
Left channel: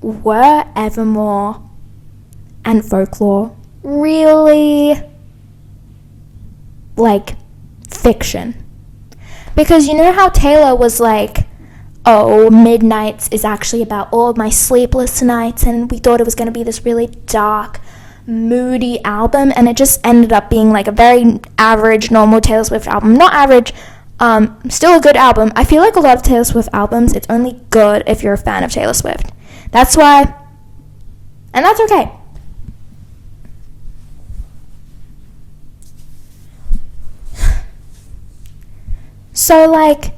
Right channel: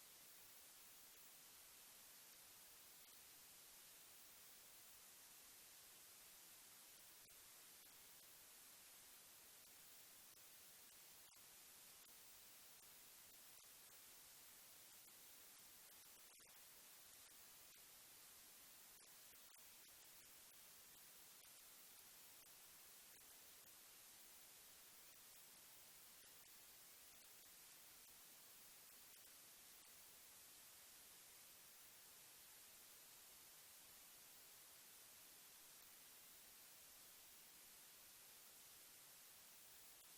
were Evermore and Folklore really like fiction? Because you know how Taylor was like, oh, Midnights is actually about all of my sleepless nights, and we thought it was going to be this really dark, moody album, and it just ended up being like a very average, normal Taylor Swift album. Not average, still a good album. I feel like a lot of Taylor Swift albums, it's only good if you're a fan of Taylor Swift. That's why, and that's okay. So like,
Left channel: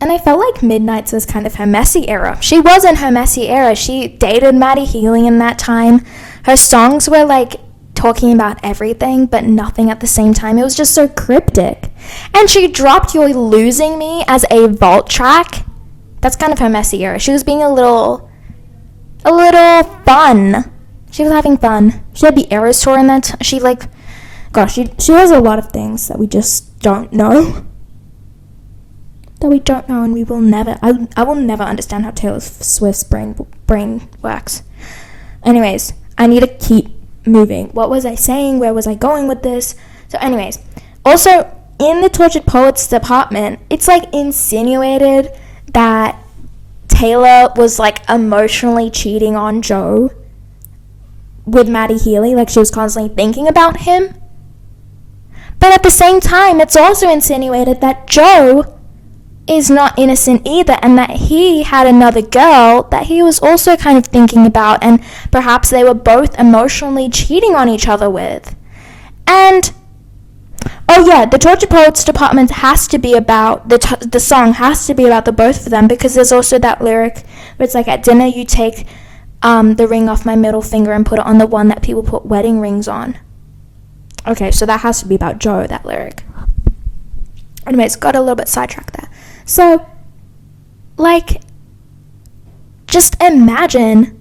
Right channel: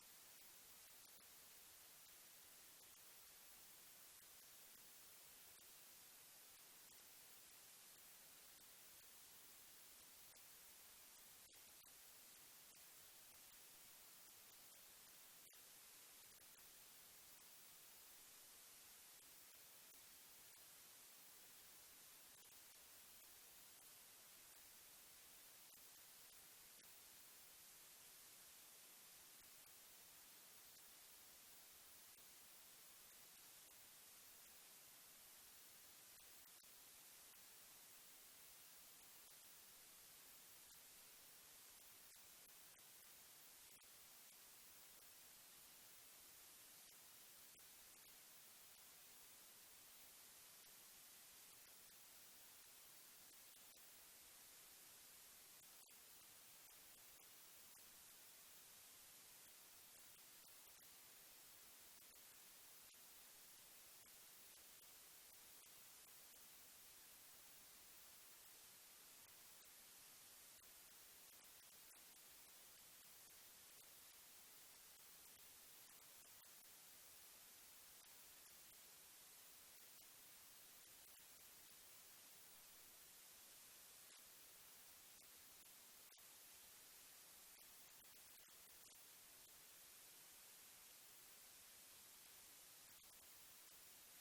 and I felt like Midnights was kind of her messy era. She was in her messy era. She dated Matty Healy in that time. Her songs were like talking about everything, but nothing at the same time. It was just so cryptic. And she dropped You're Losing Me as a vault track. That's kind of her messy era. She was being a little fun. She was having fun. She had the Eras tour in that. She has a lot of things that we just don't know. That we don't know, and we will never. I will never understand how Taylor Swift's brain works. Anyways, I need to keep moving. What was I saying? Where was I going with this? So anyways, also in the Tortured Poets department, it's like insinuated that Taylor was like emotionally cheating on Joe with Matty Healy. Like, she was constantly thinking about him. But at the same time, it's also insinuated that Joe is not innocent either, and that he had another girl that he was also kind of thinking about, and perhaps they were both emotionally cheating on each other with. And oh yeah, the Tortured Poets department has to be about the song has to be about the both of them, because there's also that lyric where it's like, at dinner you take the ring off my middle finger and put it on the one that people put wedding rings on. Okay, so that has to be about Joe, that lyric. Anyways, got a little bit sidetracked there. So, like, just imagine,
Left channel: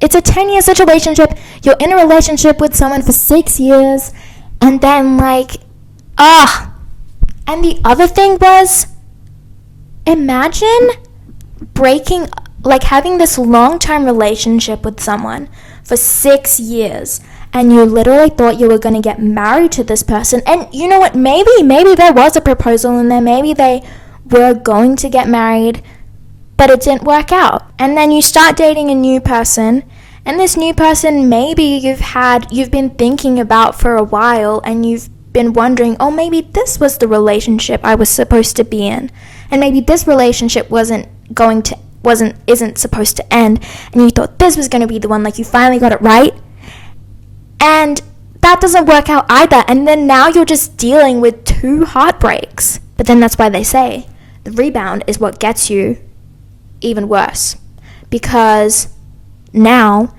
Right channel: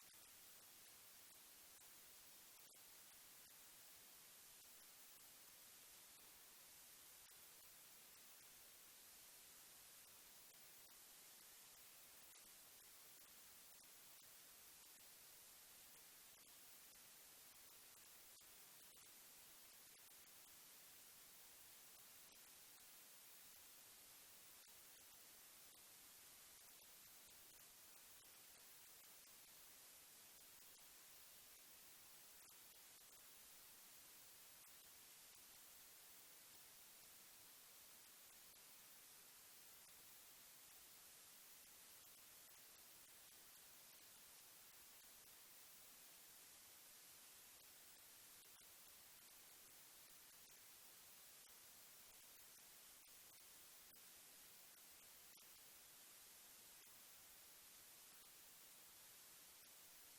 it's a 10-year situationship, you're in a relationship with someone for 6 years, and then, like, and the other thing was, imagine having this long-term relationship with someone for 6 years, and you literally thought you were going to get married to this person. And you know what? Maybe there was a proposal in there. Maybe they were going to get married, but it didn't work out. And then you start dating a new person, and this new person maybe you've been thinking about for a while, and you've been wondering, oh, maybe this was the relationship I was supposed to be in, and maybe this relationship isn't supposed to end, and you thought this was going to be the one, like you finally got it right, and that doesn't work out either, and then now you're just dealing with 2 heartbreaks. But then that's why they say the rebound is what gets you even worse, because now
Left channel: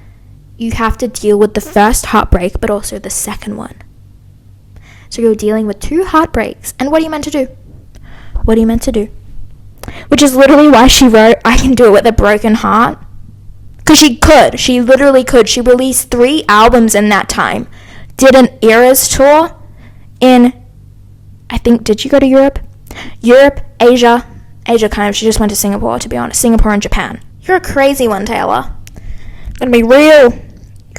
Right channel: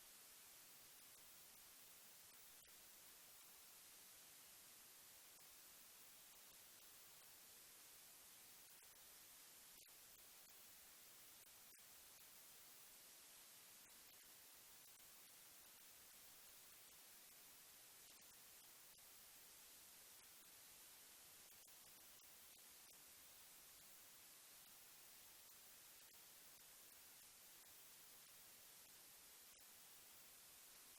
you have to deal with the first heartbreak but also the second one. So you're dealing with 2 heartbreaks, and what are you meant to do? What are you meant to do? Which is literally why she wrote, I can do it with a broken heart. Because she literally could. She released 3 albums in that time. Did an Eras tour in, I think, did you go to Europe? Europe, Asia kind of. She just went to Singapore, to be honest. Singapore and Japan. You're a crazy one, Taylor. Gonna be real.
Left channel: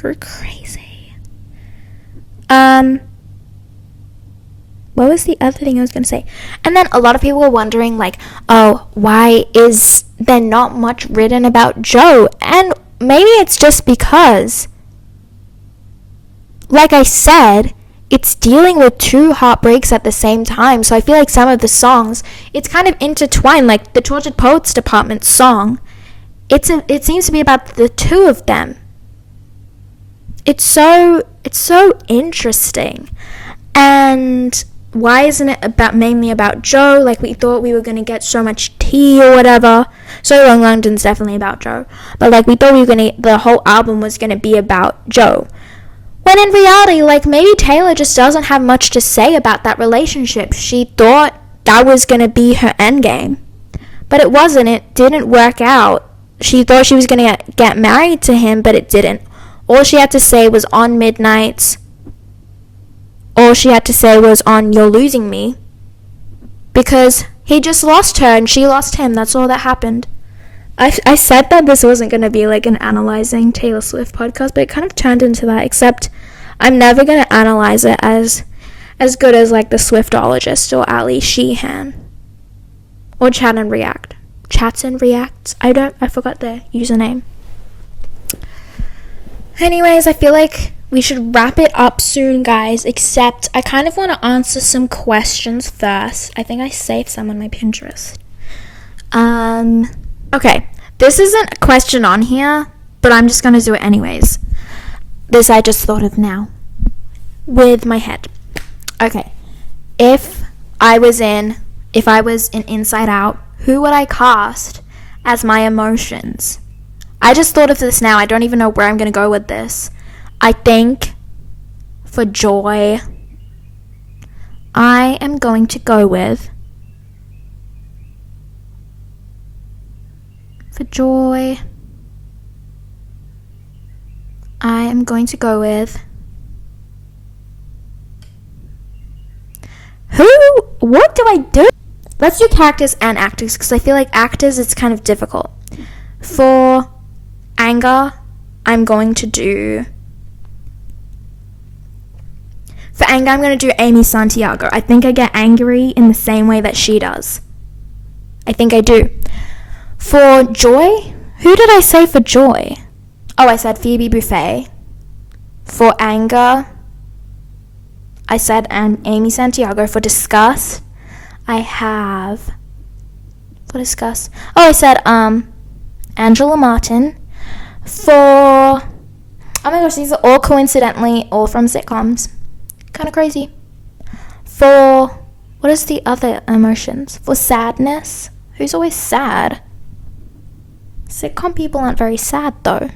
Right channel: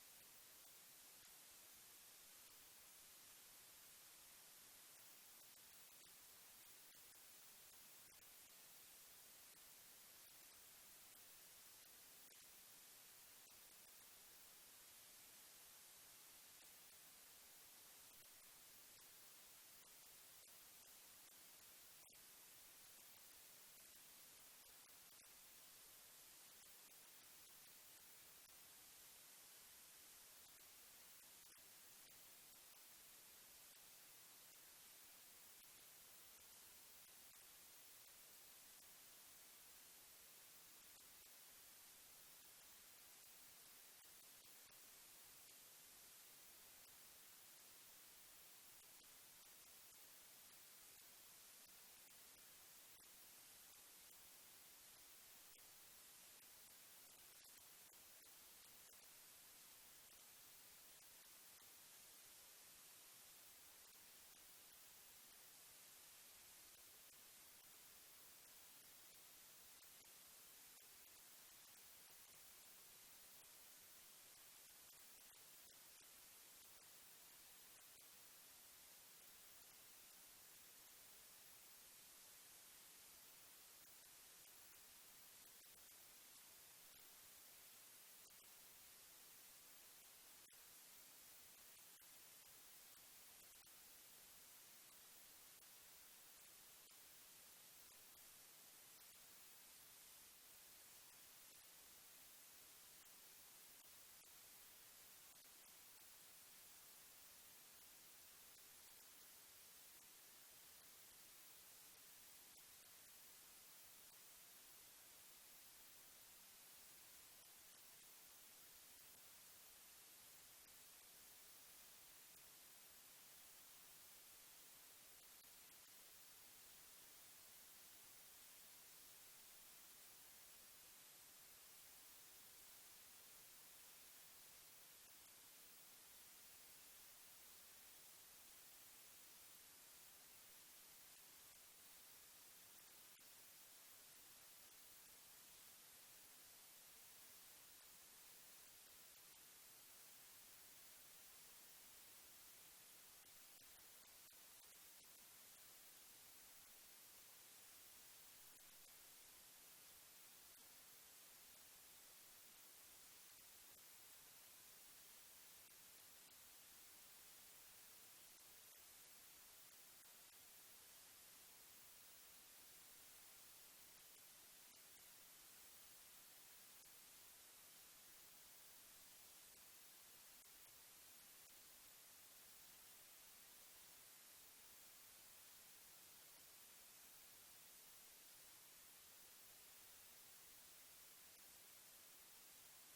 You're crazy. What was the other thing I was going to say? And then a lot of people were wondering, like, oh, why is there not much written about Joe? And maybe it's just because, like I said, it's dealing with 2 heartbreaks at the same time. So I feel like some of the songs, it's kind of intertwined. Like the Tortured Poets Department song, it seems to be about the 2 of them. It's so interesting. And why isn't it mainly about Joe? Like, we thought we were going to get so much tea or whatever. So Long London's definitely about Joe. But, like, we thought the whole album was going to be about Joe. When in reality, like, maybe Taylor just doesn't have much to say about that relationship. She thought that was going to be her endgame. But it wasn't. It didn't work out. She thought she was going to get married to him, but it didn't. All she had to say was on Midnights. All she had to say was on You're Losing Me, because he just lost her and she lost him. That's all that happened. I said that this wasn't going to be like an analyzing Taylor Swift podcast, but it kind of turned into that, except I'm never going to analyze it as good as like the Swiftologist or Ali Sheehan or Chat and React. Chats and Reacts. I forgot their username. Anyways, I feel like we should wrap it up soon, guys, except I kind of want to answer some questions first. I think I saved some on my Pinterest. Okay, this isn't a question on here, but I'm just going to do it anyways. This I just thought of now with my head. Okay, if I was in Inside Out, who would I cast as my emotions? I just thought of this now. I don't even know where I'm going to go with this. I think for Joy, I am going to go with, what do I do? Let's do characters and actors, because I feel like actors, it's kind of difficult. For anger, I'm going to do Amy Santiago. I think I get angry in the same way that she does. I think I do. For Joy, who did I say for Joy? Oh, I said Phoebe Buffay. For anger, I said Amy Santiago. For disgust, I have... For disgust... Oh, I said Angela Martin. For... Oh my gosh, these are all coincidentally all from sitcoms. Kind of crazy. For... What is the other emotions? For sadness? Who's always sad? Sitcom people aren't very sad, though.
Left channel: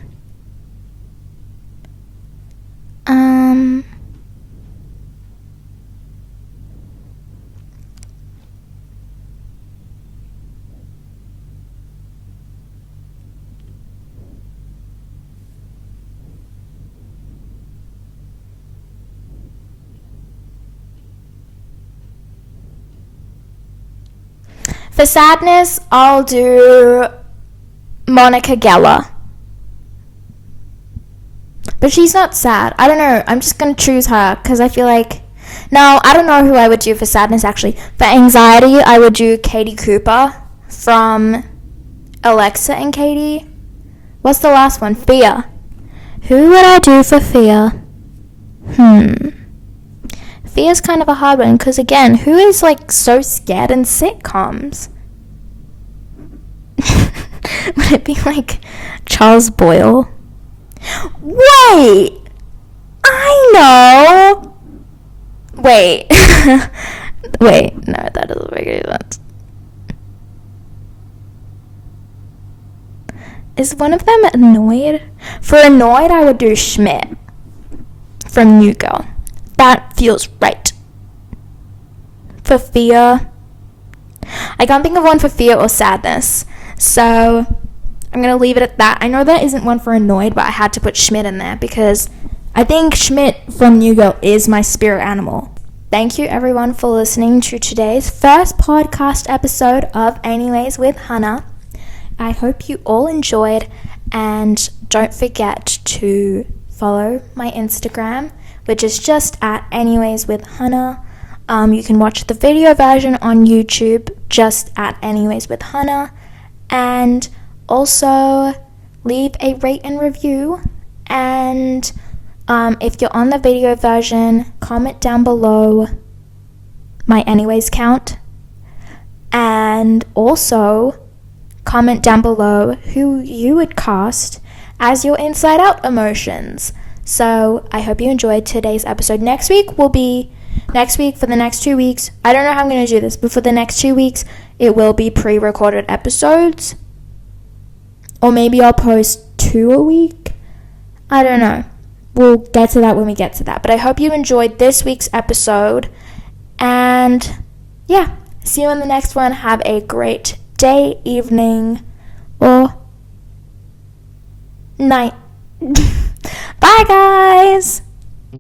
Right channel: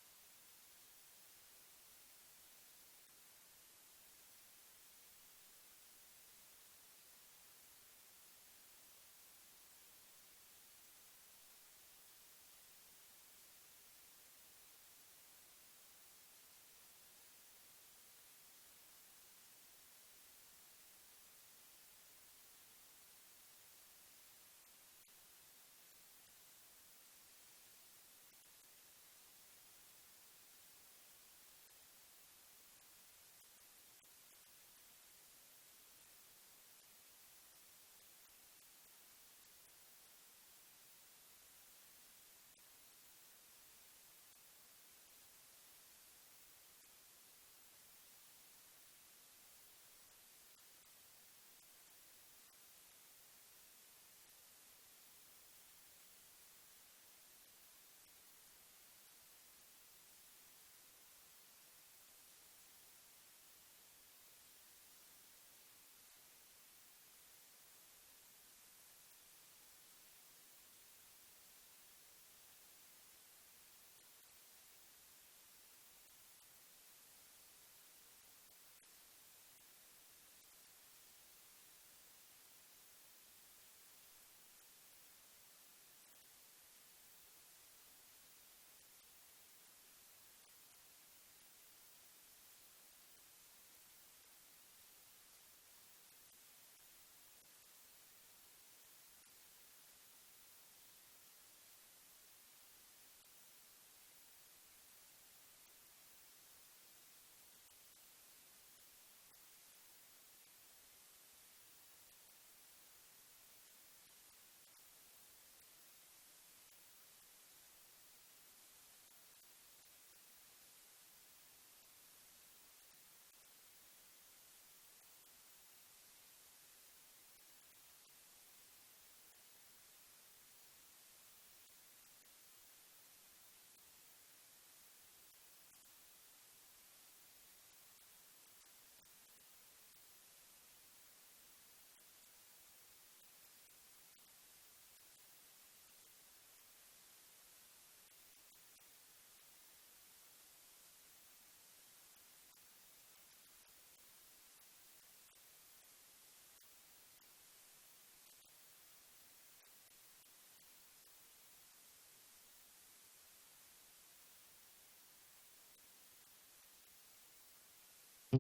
For sadness, I'll do Monica Geller. But she's not sad. I don't know. I'm just going to choose her because I feel like... No, I don't know who I would do for sadness, actually. For anxiety, I would do Katie Cooper from Alexa and Katie. What's the last one? Fear. Who would I do for fear? Fear's kind of a hard one because, again, who is, like, so scared in sitcoms? Would it be, like, Charles Boyle? Wait! I know! Wait. Wait, no, that doesn't make any sense. Is one of them annoyed? For annoyed, I would do Schmidt from New Girl. That feels right. For fear, I can't think of one for fear or sadness. So I'm going to leave it at that. I know there isn't one for annoyed, but I had to put Schmidt in there because I think Schmidt from New Girl is my spirit animal. Thank you everyone for listening to today's first podcast episode of Anyways with Hana. I hope you all enjoyed, and don't forget to follow my Instagram, which is just at Anyways with Hana. You can watch the video version on YouTube just at Anyways with Hana, and also leave a rate and review. And if you're on the video version, comment down below my Anyways count, and also comment down below who you would cast as your Inside Out emotions. So I hope you enjoyed today's episode. Next week for the next 2 weeks. I don't know how I'm going to do this, but for the next 2 weeks, it will be pre-recorded episodes. Or maybe I'll post 2 a week. I don't know. We'll get to that when we get to that. But I hope you enjoyed this week's episode. And yeah, see you in the next one. Have a great day, evening, or night. Bye, guys.